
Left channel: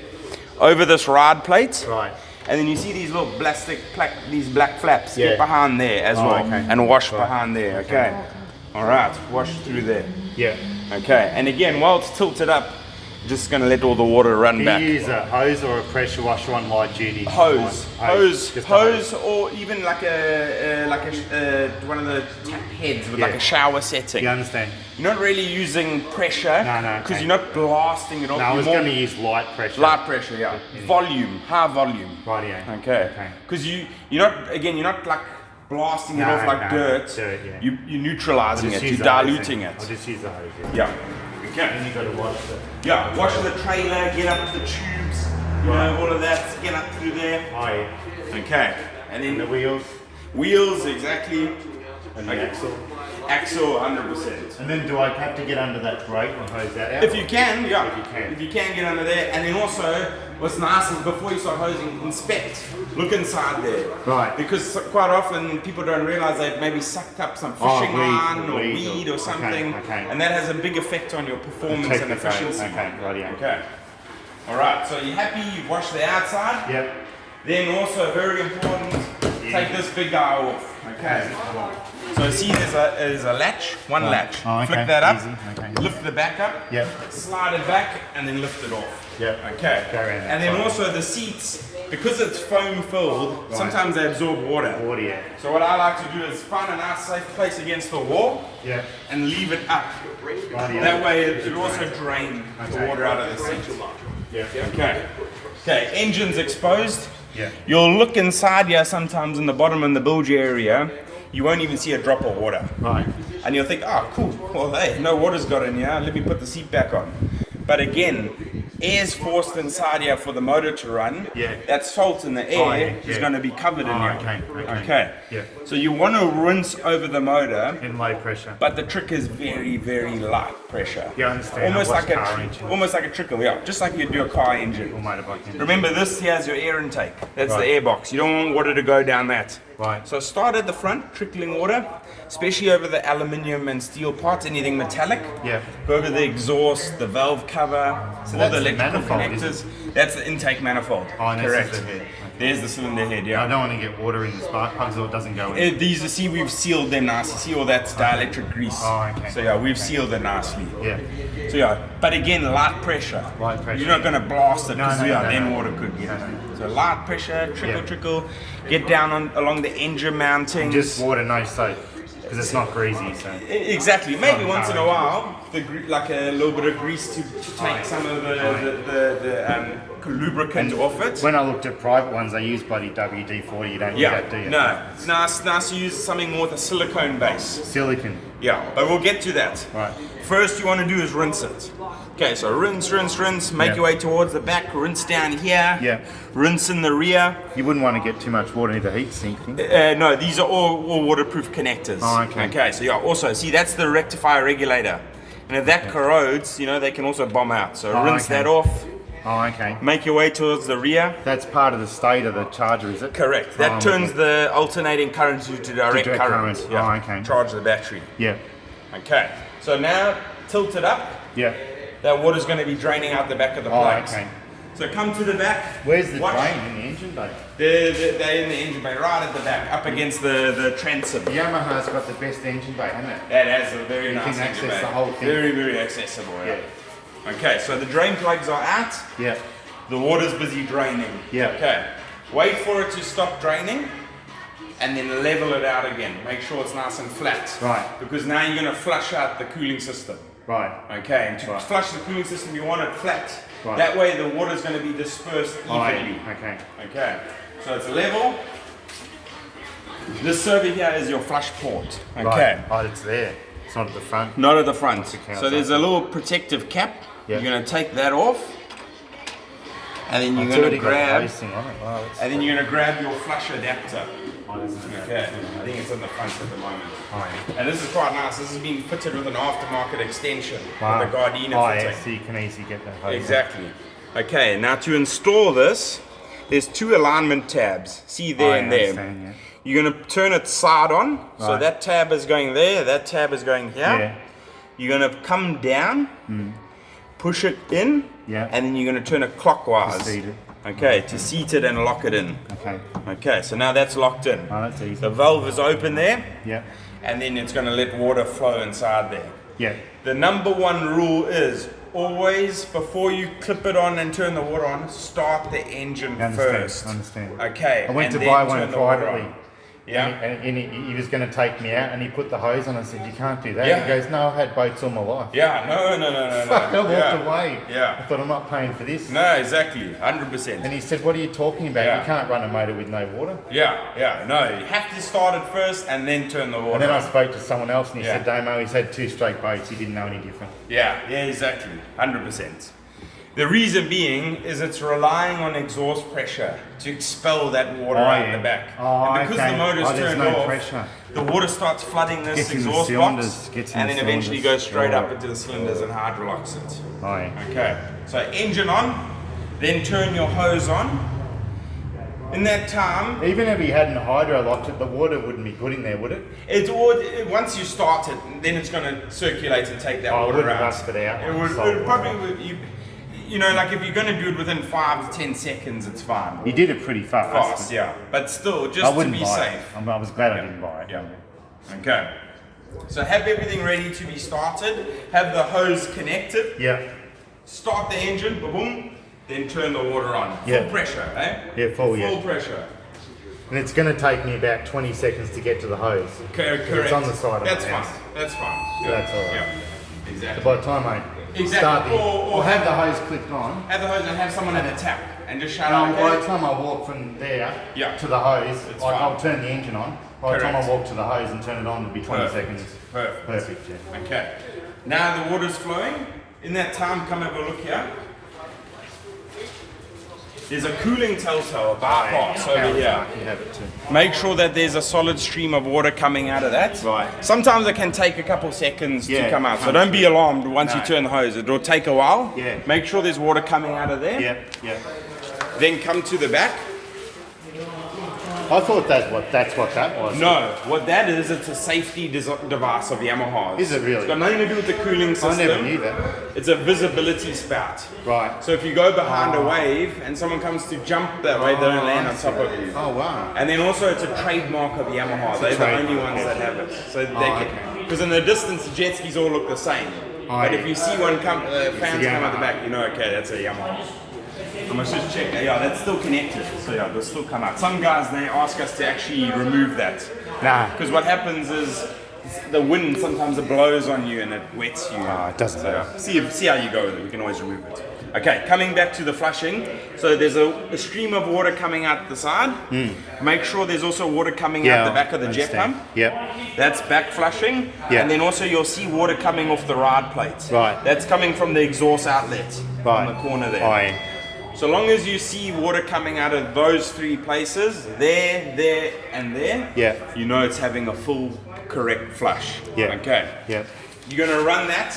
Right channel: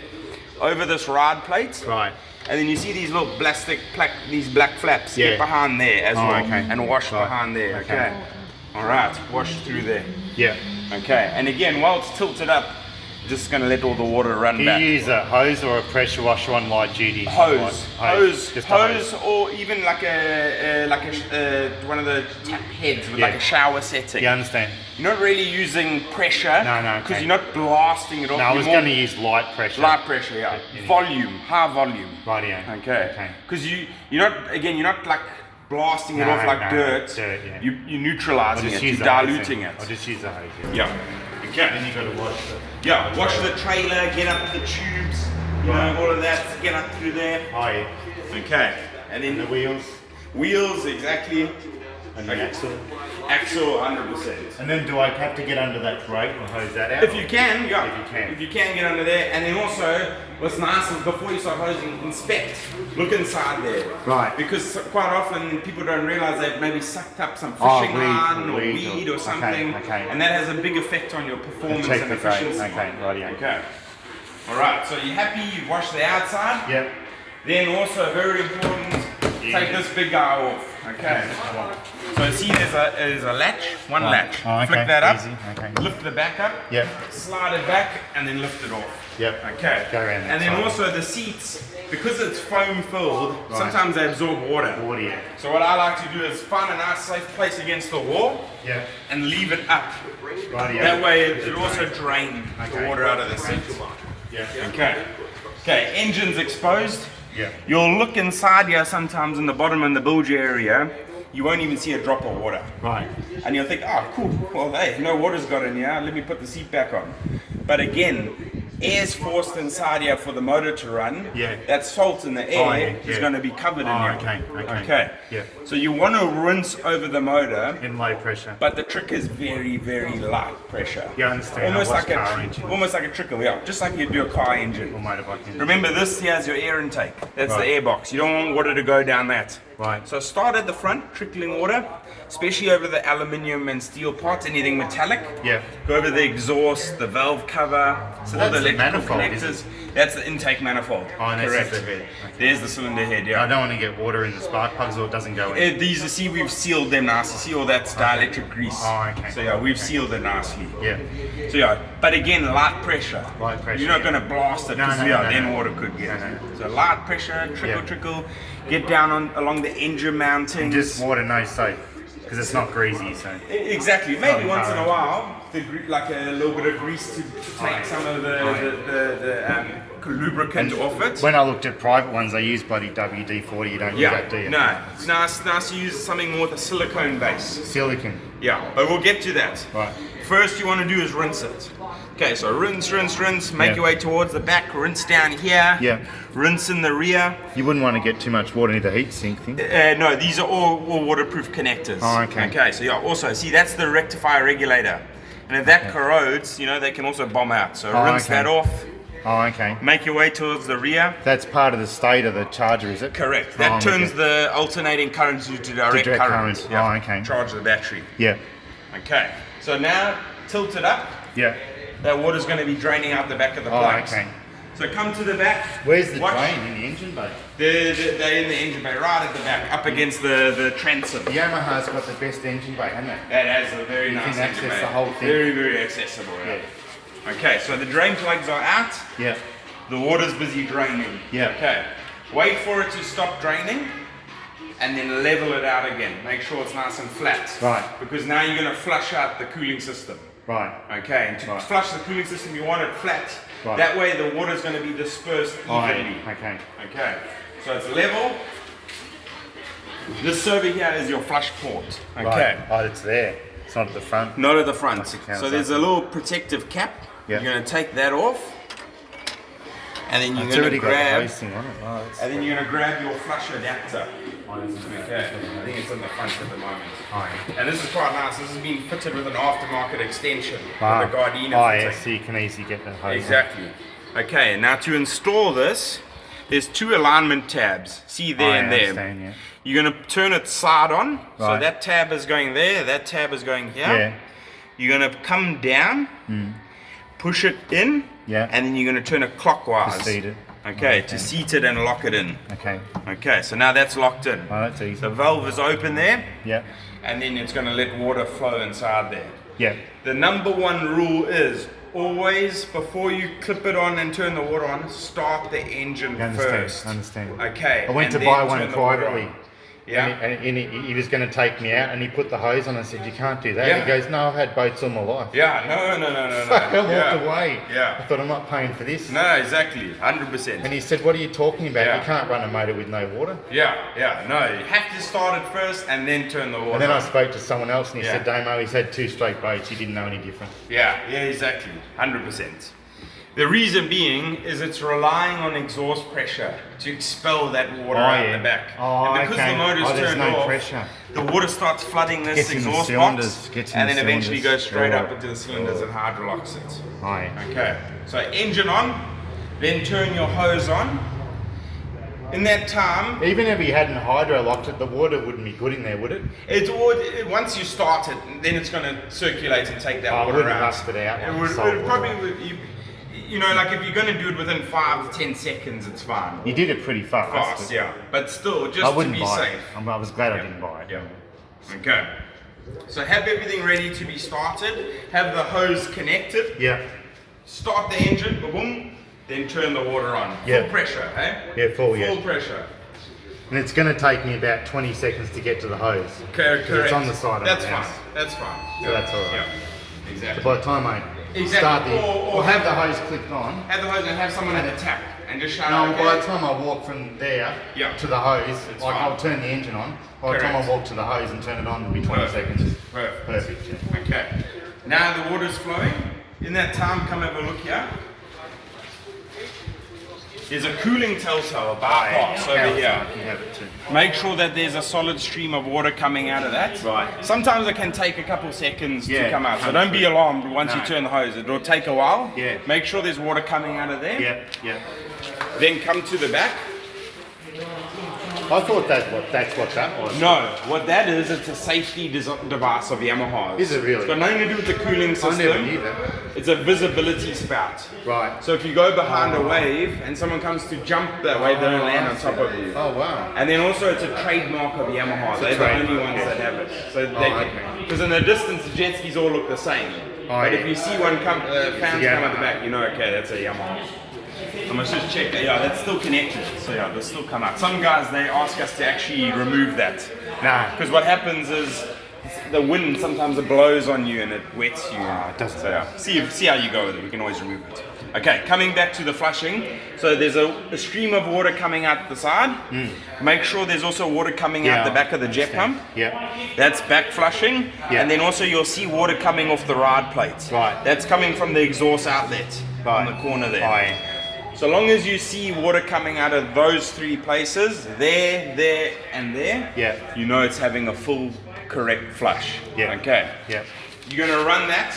Over this ride plate. Right. And then you see these little these black flaps. Yeah. Get behind there as Oh, well. okay. And wash Right. behind there, Okay. okay? Alright, wash through there. Yeah. Okay, and again, while it's tilted up, just gonna let all the water run Do back. you use a hose or a pressure washer on light duty? Hose, Just a hose. or even like one of the tap heads with like Yeah. a shower setting. You understand? You're not really using pressure. No, no, Because okay. you're not blasting it off. No, I you're was more going to use light pressure. light pressure, yeah. Yeah. Volume, high volume. Rightio. Okay. Okay. Because you're not like blasting it No, off like no, dirt. dirt, yeah. You're neutralizing it. use You're the hose diluting then. it. I'll just use the hose. Yeah. Okay. Then you got to wash the. Yeah. Wash the trailer. Get up the tubes. You know, all of that. Get up through there. Oh, yeah. Okay. And then And the wheels wheels, exactly. and the Okay. axle. Axle, 100%. And then do I have to get under that brake and hose that out? If you can, yeah. If you can. If you can, get under there. And then also, what's nice is before you start hosing, inspect. Look inside there. Right. Because quite often people don't realize they've maybe sucked up some Oh, fishing line or weed weed or- or something. okay. And that has a big effect on your performance Check and the brake. efficiency. Okay, rightio. Okay. Alright, so you're happy, you've washed the outside. Yep. Then also very important, take this big guy off. Okay. So see there's a latch, one Right. latch. Oh, okay. Flick that up, Easy. Okay. lift the back up, Yep. slide it back, and then lift it off. Yep. Okay. Go around that And then side. also the seats, because it's foam filled, Right. sometimes they absorb water. Water, yeah. So what I like to do is find a nice safe place against the wall Yeah. and leave it up. Rightio. That way it also drain the Okay. water out of the seat. Yeah. Okay. Okay, engine's exposed. Yeah. You'll look inside here sometimes in the bottom in the bilge area, you won't even see a drop of water. Right. And you'll think, oh cool, well hey, no water's got in here, let me put the seat back on. But again, air's forced inside here for the motor to run, Yeah. that salt in the air Oh, yeah, is yeah. going to be covered in here. Okay. Yeah. So you want to rinse over the motor, In low pressure. but the trick is very, very light pressure. Yeah, I understand. Almost I watch like car engines. almost like a trickle, yeah, just like you do a car engine. Or motorbike engine. Remember, this here's your air intake. That's Right. the air box. You don't want water to go down that. Right. So start at the front, trickling water, especially over the aluminium and steel parts, anything metallic. Yeah. Go over the exhaust, the valve cover, So all that's the the electrical manifold, is connectors. That's the intake manifold. Oh, and this Correct. is the head. There's the cylinder head, yeah. I don't want to get water in the spark plugs or it doesn't go in. These, you see, we've sealed them nicely. See all that dielectric grease. Oh, okay. So yeah, we've Okay. sealed it nicely. Yeah. So yeah, but again, light pressure. Light pressure, You're not yeah. going to blast it No, because no, yeah, no, then no. water could get. No, no, no. So light pressure, trickle, Yeah. trickle. Get down along the engine mountings. Just water, no soap. Because it's not greasy, so. Exactly. Maybe not once in a encouraging. while, like a little bit of grease to take some of the lubricant off it. When I looked at private ones, they use bloody WD-40. You don't use Yeah. that, do you? No. It's nice to use something more with a silicone base. Silicon. Yeah, but we'll get to that. Right. First, you want to do is rinse it. Okay, so rinse, make Yeah. your way towards the back, rinse down here, Yeah. rinse in the rear. You wouldn't want to get too much water into the heat sink thing. No, these are all waterproof connectors. Oh, okay. Okay, so yeah, also, see, that's the rectifier regulator. And if that corrodes, they can also bomb out. So Oh, rinse okay. that off, Oh, okay. make your way towards the rear. That's part of the state of the charger, is it? Correct. That Oh, turns okay. the alternating current to direct direct current. current. Yeah. Oh, okay. Charge the battery. Yeah. Okay. So now tilt it up. Yeah. That water's going to be draining out the back of the Oh, plugs. okay. So come to the back. Where's the Watch. drain in the engine bay? They're in the engine bay, right at the back, up against the transom. Yamaha's got the best engine bay, hasn't it? That has a very You nice can engine access bay. the whole thing. Very, very accessible. Yeah. Okay, so the drain plugs are out. Yeah. The water's busy draining. Yeah. Okay. Wait for it to stop draining, and then level it out again. Make sure it's nice and flat. Right. Because now you're going to flush out the cooling system. Right. Okay, and to Right. flush the cooling system, you want it flat. Right. That way the water's going to be dispersed Oh, evenly. okay. Okay, so it's level. This over here is your flush port. Okay, Right. Oh, it's there. It's not at the front. not at the front. counter. So there's a little protective cap. Yeah. You're going to take that off, and then you're It's going to already got the grab, hosing on it. Oh, that's and then you're going to grab your flush adapter. Oh, that's not Okay, I think it's in the front at the moment. Oh, yeah. And this is quite nice. This has been fitted with an aftermarket extension Ah. with a Gardena Oh, fitter. yeah, so you can easily get the hose. Exactly. Okay, now to install this, there's two alignment tabs. See there I and there. understand, yeah. You're going to turn it side on. So Right. that tab is going there, that tab is going here. Yeah. You're going to come down, push it in, Yeah. and then you're going to turn it clockwise. To seat it. Okay, to seat it and lock it in. Okay. Okay, so now that's locked in. Oh, that's easy. The valve is open there, Yeah. and then it's going to let water flow inside there. Yeah. The number one rule is always, before you clip it on and turn the water on, start the engine I understand, first. I understand. Okay. I went and to then buy one turn the water privately. on. Yeah. And he was going to take me out and he put the hose on. I said, you can't do that. Yeah. He goes, no, I've had boats all my life. Yeah, no. Fuck, I walked yeah. away. Yeah. I thought, I'm not paying for this. No, exactly. 100%. And he said, what are you talking about? Yeah. You can't run a motor with no water. Yeah. No, you have to start it first and then turn the water And then I on. spoke to someone else and he Yeah. said, Damo, he's had 2 straight boats. He didn't know any different. Yeah, exactly. 100%. The reason being is it's relying on exhaust pressure to expel that water out the back. Oh, and because okay. the motor's there's turned no off, pressure. the water starts flooding this Gets in the exhaust cylinders, box gets in and the then eventually cylinders. goes straight up Oh. into the cylinders and hydrolocks it. Oh, yeah. Okay, so engine on, then turn your hose on. In that time, Even if he hadn't hydro locked it, the water wouldn't be good in there, would it? once you start it, then it's going to circulate and take that Oh, it water wouldn't out. rust it out. It would, Solid it probably would. Like if you're going to do it within 5 to 10 seconds, it's fine. He did it pretty fast. Fast, yeah. But still, just I to wouldn't be buy safe. it. I was glad I didn't buy it. Yeah. Okay. So have everything ready to be started. Have the hose connected. Yeah. Start the engine, boom. Then turn the water on. Yeah. Full pressure, eh? Yeah, full, yeah. Full pressure. And it's going to take me about 20 seconds to get to the hose. Correct. It's on the side of That's the fine. house. That's fine. So that's all right. Yeah. Exactly. By the time I Exactly. start the... Or have the hose clicked on. Have the hose and have someone at the tap and just shout No, out. by the time I walk from there Yeah. to the hose, It's like fine. I'll turn the engine on. By the time I Correct. walk to the hose and turn it on, it'll be 20 Perfect. seconds. Perfect. Perfect, yeah. Okay. Now the water's flowing. In that time, come have a look here. there's a cooling telltale, a bypass over here. You have it too. Make sure that there's a solid stream of water coming out of that. Right. Sometimes it can take a couple seconds to Yeah, come out, so comes don't be through. alarmed once you No. turn the hose. It'll take a while. Yeah. Make sure there's water coming out of there. Yep. Then come to the back. I thought that's what that was. No, what that is, it's a safety device of Yamaha's. Is it really? It's got nothing to do with the cooling system. I never knew that. It's a visibility spout. Right. So if you go behind a wave and someone comes to jump that way, they don't land on top of you. Oh wow. And then also it's a trademark of Yamaha. They're the only ones that have it. So they because in the distance the jet skis all look the same. But if you see one come, fans come at the back, you know, okay, that's a Yamaha. I must just check that. Yeah, that's still connected. So yeah, they'll still come out. Some guys, they ask us to actually remove that. Nah. Because what happens is the wind sometimes it blows on you and it wets you. It doesn't So matter. yeah, see how you go with it. You can always remove it. Okay, coming back to the flushing. So there's a stream of water coming out the side. Make sure there's also water coming out the back of the jet pump. Yep. That's back flushing. Yeah. And then also you'll see water coming off the ride plates. Right. That's coming from the exhaust outlet on Right. the corner there. Aye. So long as you see water coming out of those three places, there, and there, Yeah. you know it's having a full correct flush. Yeah. Okay. Yeah. You're going to run that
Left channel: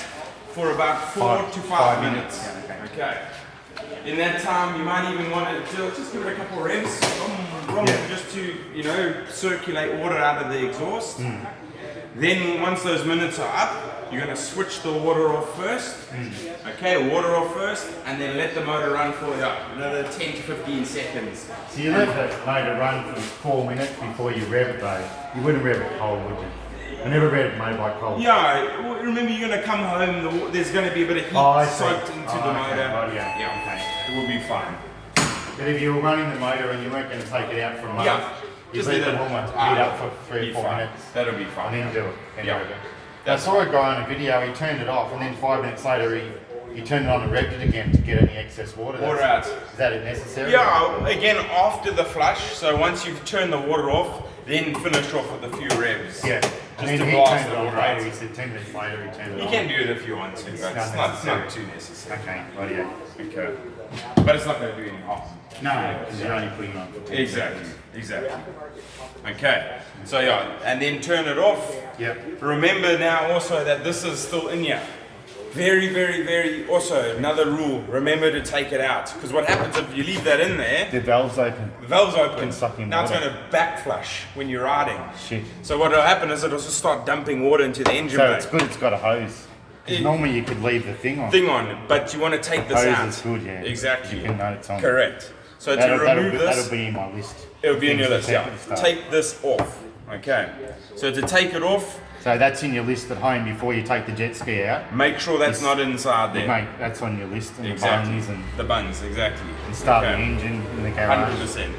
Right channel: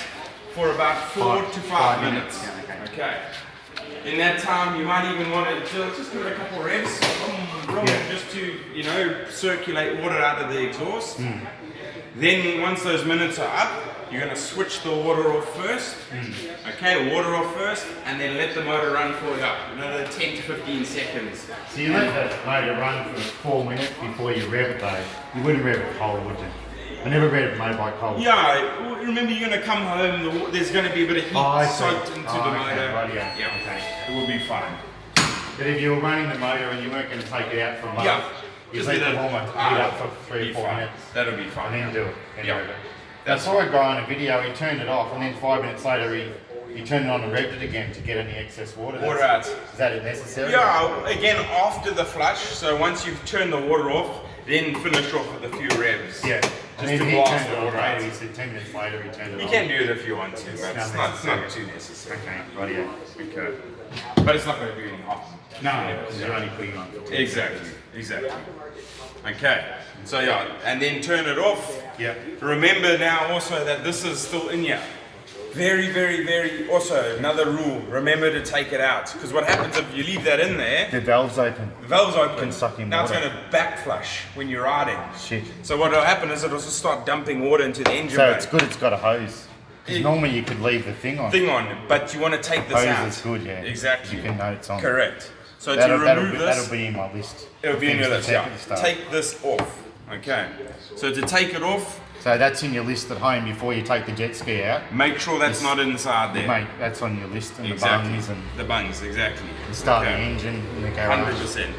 for about 4 to 5 minutes. Yeah, Okay. In that time, you might even want to just give it a couple revs, just to, you know, circulate water out of the exhaust. Then once those minutes are up, you're going to switch the water off first. Okay, water off first, and then let the motor run for another 10 to 15 seconds. So you let the motor run for 4 minutes before you rev it though. You wouldn't rev it cold, would you? You never rev a motorbike cold. Yeah, remember you're going to come home, there's going to be a bit of heat I see. soaked into the motor. Okay. Right, yeah. Okay, it will be fine. But if you were running the motor and you weren't going to take it out for a month, Yeah. you Just let let the it warmer heat ah, up for 3 be or 4 fine. minutes. That'll be fine. And then do it. Then Yeah. rev it. I saw a guy on a video, he turned it off and then 5 minutes later he turned it on and revved it again to get any excess water. Water out. Is that necessary? Yeah, again after the flush, so once you've turned the water off, then finish off with a few revs. Yeah. Just And to then he blast turned the it on water out. later, he said 10 minutes later he turned it You on. can do it if you want to, but it's not not necessary. too necessary. Okay, rightio. Okay. But it's not going to do any harm. No, because you're only putting on. Exactly. Okay. So yeah, and then turn it off. Yep. Remember now also that this is still in here. Very, also another rule, remember to take it out. Because what happens if you leave that in there, The valve's open. the valve's open, Can suck in now it's water. going to back flush when you're riding. Shit. So what will happen is it'll just start dumping water into the engine So bay. it's good it's got a hose. 'Cause normally you could leave the thing on. Thing on, but you want to take this Hose out. is good, yeah. Exactly. You can know it's on. Correct. So That'll, to that'll, remove be, this, that'll be in my list. it'll be in your Things list. to Yeah. at the start. Take this off. Okay. So to take it off, So that's in your list at home before you take the jet ski out. make sure that's not inside there. Mate, that's on your list and Exactly. the bungs and The bungs, exactly. start Okay. the engine in the garage. 100%.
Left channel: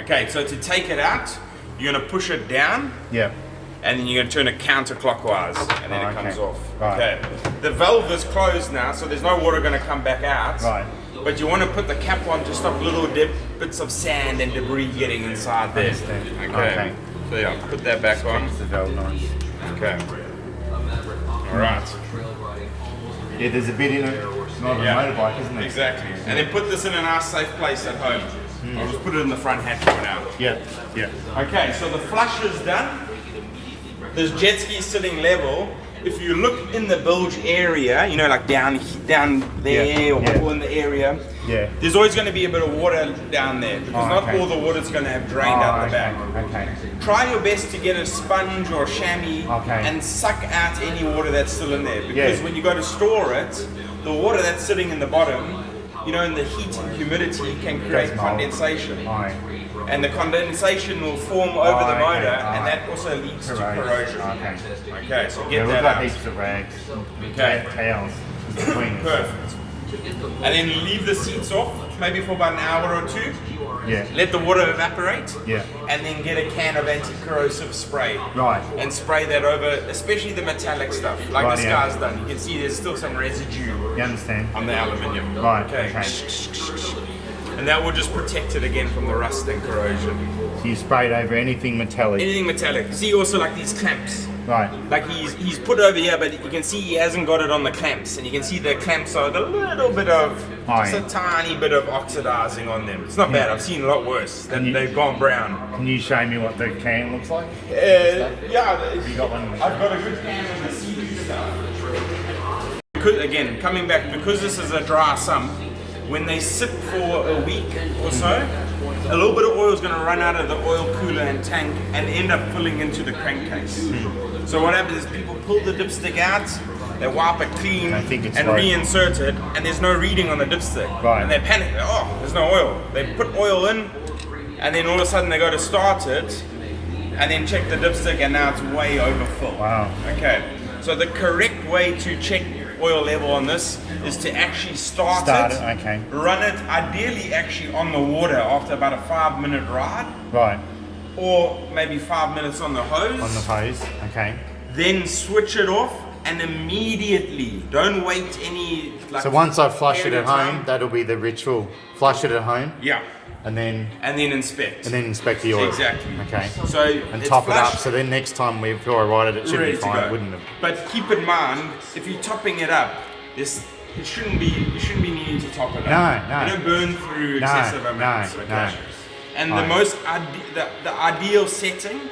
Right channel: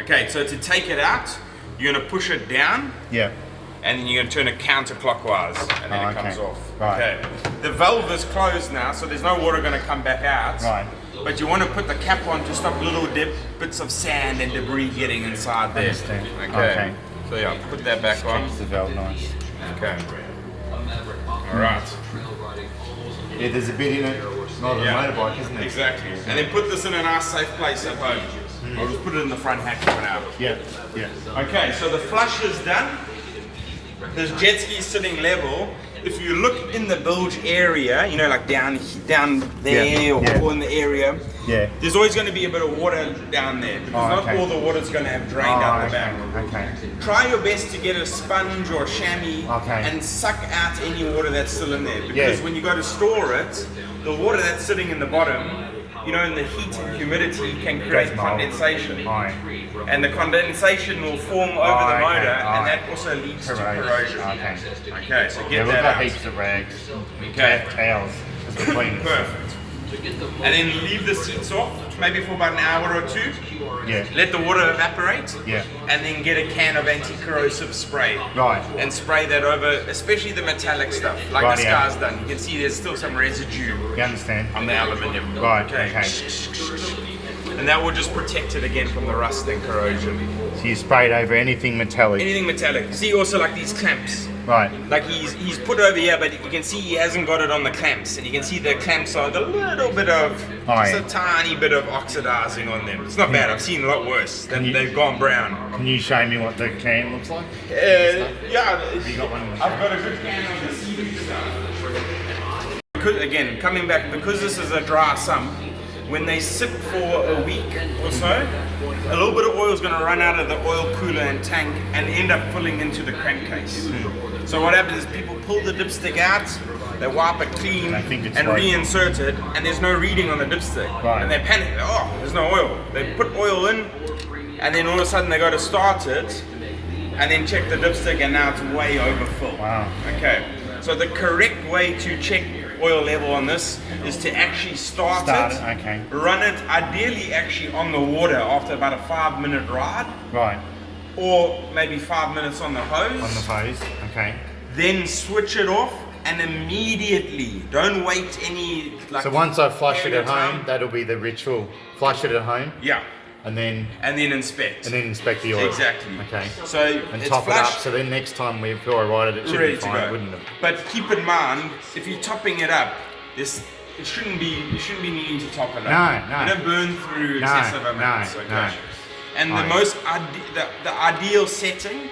Okay, so to take it out, you're going to push it down, Yeah. and then you're going to turn it counterclockwise, and then Oh, it comes okay. off. Right. Okay. The valve is closed now, so there's no water going to come back out. Right. But you want to put the cap on to stop little bits of sand and debris getting inside there. Understand. Okay. Okay. So yeah, put that back on. Keeps the valve nice. Okay. All right. Yeah, there's a bit in it. Not a Yeah. motorbike, isn't it? Exactly. And then put this in a nice safe place at home. I'll just put it in the front hatch for now. Yeah. Yeah. Okay, so the flush is done. This jet ski is sitting level. If you look in the bilge area, you know, like down there Yeah, or yeah. in the area, Yeah. there's always going to be a bit of water down there because Oh, not okay. all the water's going to have drained out the back. Okay. Try your best to get a sponge or chamois Okay. and suck out any water that's still in there because Yeah. when you go to store it, the water that's sitting in the bottom, you know, in the heat and humidity can create Does mold. condensation. Aye. And the condensation will form over the Okay, motor, aye. and that also leads to corrosion. Okay. Okay, so Yeah, get we've that got out. heaps of rags. Okay. Towels. Just between us. Perfect. And then leave the seats off, maybe for about an hour or two. Yeah. Let the water evaporate. Yeah. And then get a can of anti-corrosive spray. Right. And spray that over, especially the metallic stuff, like Right, this yeah. guy's done. You can see there's still some residue You understand? on the aluminium. Right. Okay. Okay. And that will just protect it again from the rust and corrosion. So you sprayed over anything metallic. Anything metallic. See also like these clamps. Right. Like he's put over here, but you can see he hasn't got it on the clamps, and you can see the clamps are got a little bit of, just a tiny bit of oxidizing on them. It's not bad. I've seen a lot worse. They've gone brown. Can you show me what the can looks like? Yeah. Have you got one? I've got a good can of the Silvy stuff. Again, coming back, because this is a dry sump, when they sit for a week or so, a little bit of oil is going to run out of the oil cooler and tank and end up filling into the crankcase. So what happens is people pull the dipstick out, they wipe it clean and reinsert it, and there's no reading on the dipstick. Right. And they panic, oh, there's no oil. They put oil in, and then all of a sudden they go to start it, and then check the dipstick, and now it's way overfull. Wow. Okay, so the correct way to check oil level on this is to actually start it, okay. run it ideally actually on the water after about a 5-minute ride, Right. or maybe 5 minutes on the hose. On the hose. Okay. Then switch it off and immediately, don't wait any like. So once I flush it period at of home, time. that'll be the ritual. Flush it at home. Yeah, And then inspect. inspect the oil. Exactly. Okay. So And it's top it up. flushed, So then next time before I ride it, it should ready be to fine, go. wouldn't it? But keep in mind, if you're topping it up, you shouldn't be needing to top it up. No. You don't burn through No, excessive amounts. no, Okay. no. And Right. the ideal setting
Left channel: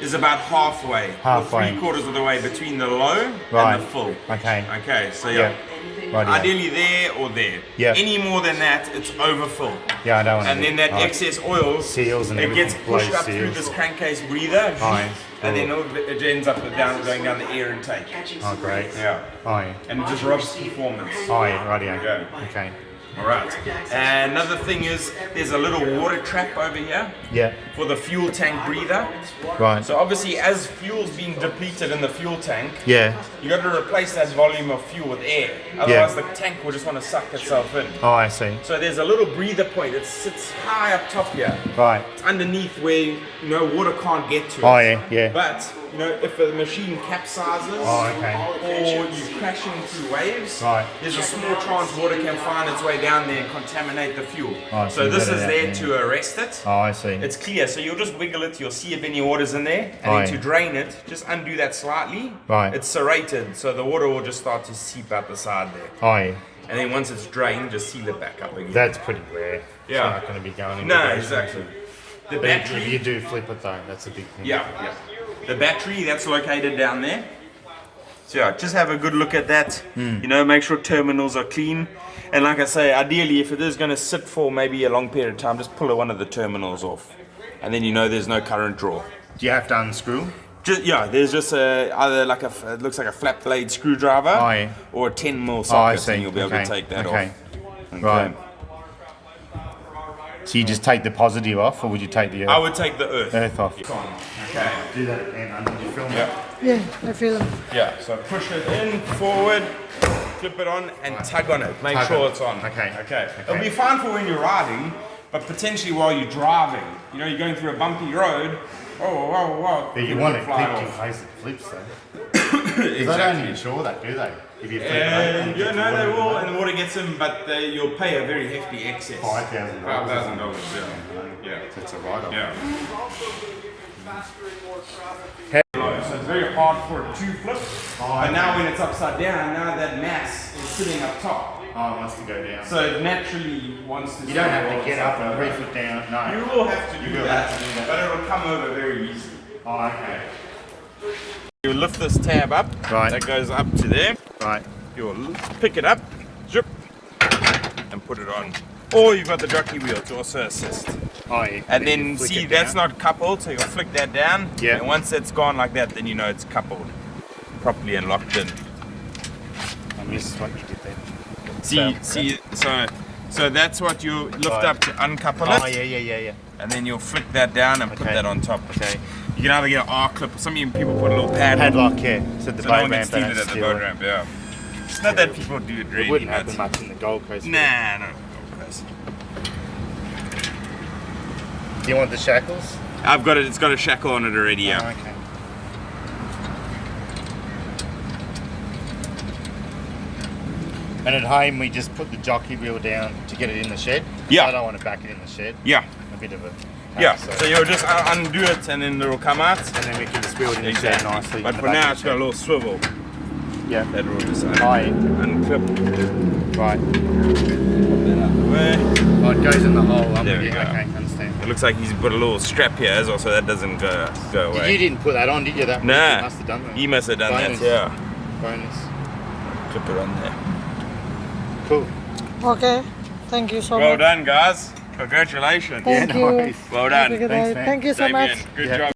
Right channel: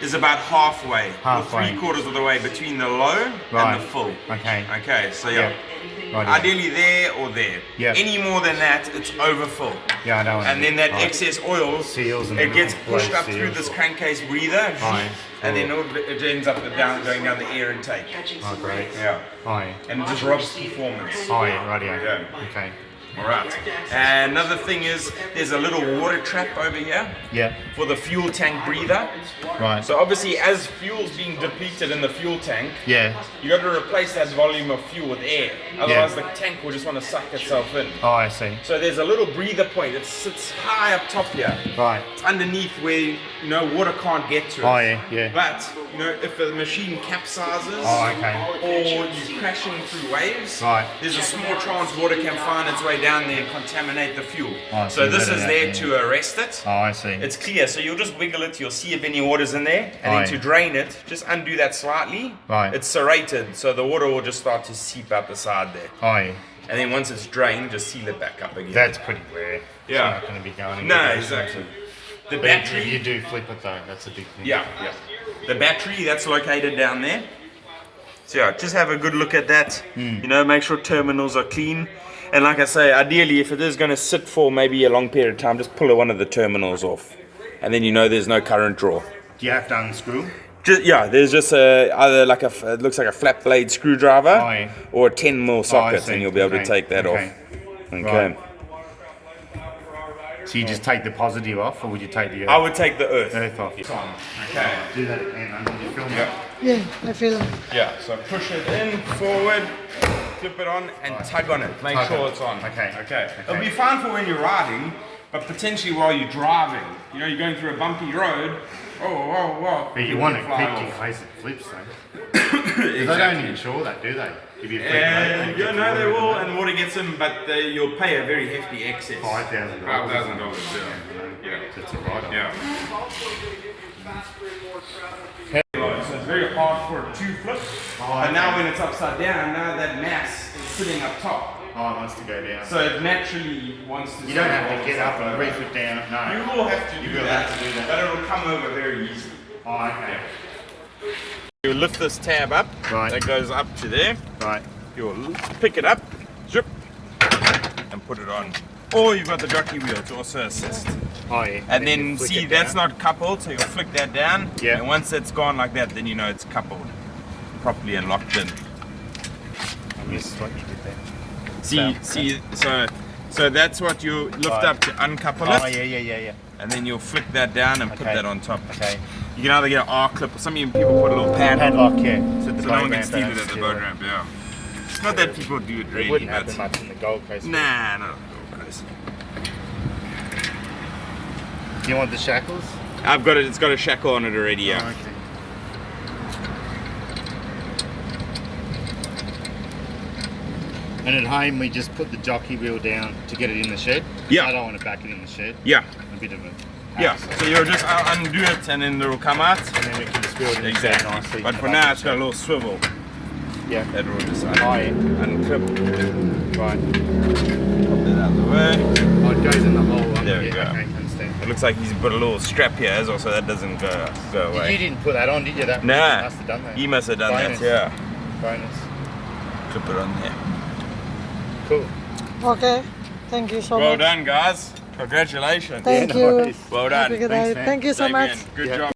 is about halfway, Halfway. or 3/4 of the way between the low Right. and the full. Okay. Okay. So yeah. Right. Ideally there or there. Yeah. Any more than that, it's overfull. Yeah, I don't want And then that excess oil, Seals and it gets everything, pushed blows up through seals. this crankcase breather, Aye. and then it ends up going down the air intake. Oh, great. Yeah. Aye. And it just robs performance. Aye, rightio. Yeah. Okay. Alright. And another thing is, there's a little water trap over here Yeah. for the fuel tank breather. Right. So obviously, as fuel's being depleted in the fuel tank, Yeah. you got to replace that volume of fuel with air. Otherwise, the tank will just want to suck itself in. Oh, I see. So there's a little breather point. It sits high up top here. Right. It's underneath where water can't get to it. Oh, yeah, yeah. But if the machine capsizes Oh, okay. or you're crashing through waves, Right. there's a small chance water can find its way down there and contaminate the fuel. Oh, so this better is that, there yeah. to arrest it. Oh, I see. It's clear, so you'll just wiggle it, you'll see if any water's in there, and Oh, then yeah. to drain it, just undo that slightly. Right. It's serrated, so the water will just start to seep out the side there. Oh, yeah. And then once it's drained, just seal it back up again. That's pretty rare. Yeah. It's not going to be going in. No, exactly. The But if battery, you do flip it though, that's a big thing. yeah. The battery, that's located down there. So yeah, just have a good look at that. Make sure terminals are clean. And like I say, ideally, if it is going to sit for maybe a long period of time, just pull one of the terminals off. And then there's no current draw. Do you have to unscrew? There's just either it looks like a flat blade screwdriver Oh, yeah. or a 10mm socket, see. and you'll be able to Okay. take that Okay. off. Okay. Right. So you just take the positive off, or would you take the earth, I would take the earth. off? Okay. Do that again. Did you film Yeah. Yeah, I feel them. Yeah. So push it in, forward, flip it on, and tug on it. Make Tug sure on. it's on. Okay. Okay. It'll be fine for when you're riding, but potentially while you're driving. You're going through a bumpy road. Oh. But you want to fly keep in off. case it flips though. They don't insure that, do they? If you flip it, Yeah, no, they will, and the water gets them, but you'll pay a very hefty excess. $5,000. $5,000. Yeah. It's a write-off. Yeah. So it's very hard for it to flip. But now when it's upside down, now that mass is sitting up top. Oh, it wants to go down. So it naturally wants to. You don't have to get up and over. reef it down. No. You will have to do will that, have to do that. but it'll come over very easily. Oh, okay. You lift this tab up. Right. That goes up to there. Right. You'll pick it up, zip, and put it on. Or you've got the jockey wheel to also assist. Oh, yeah. And then you flick see it that's down. not coupled, so you'll flick that down. Yeah. And once that's gone like that, then it's coupled properly and locked in. I missed what you did there. See, so that's what you lift up to uncouple it, Oh, yeah. and then you'll flick that down and put Okay. that on top. Okay. You can either get an R clip or some people put a little pad. Padlock, yeah. So the So no one boat can ramp steal don't it at the steal boat it. ramp, yeah. It's not that people do it really, Wouldn't but happen much in the Gold Coast. nah, no. Guys. Do you want the shackles? I've got it. It's got a shackle on it already. Yeah. Oh, okay. And at home, we just put the jockey wheel down to get it in the shed. Yeah. I don't want to back it in the shed. Yeah. A bit of a Yeah, so you'll just undo it and then it'll come out. And then we can just build it Exactly. nicely. But for now, it's got a little swivel Yeah. that will just Right. unclip. Right. Pop that out the way. Oh, it goes in the hole. There we yeah, go. Okay, understand. It looks like he's put a little strap here as well, so that doesn't go You away. didn't put that on, did you? That Nah, you must have done that. he must have done Bonus. that, yeah. Bonus. Clip it on there. Cool. Okay. Thank you so Well much. done, guys. Congratulations. Thank Yeah, you. nice. Well Have a done. good Thanks, night. man. Thank you so much. Damien, good Yeah. job.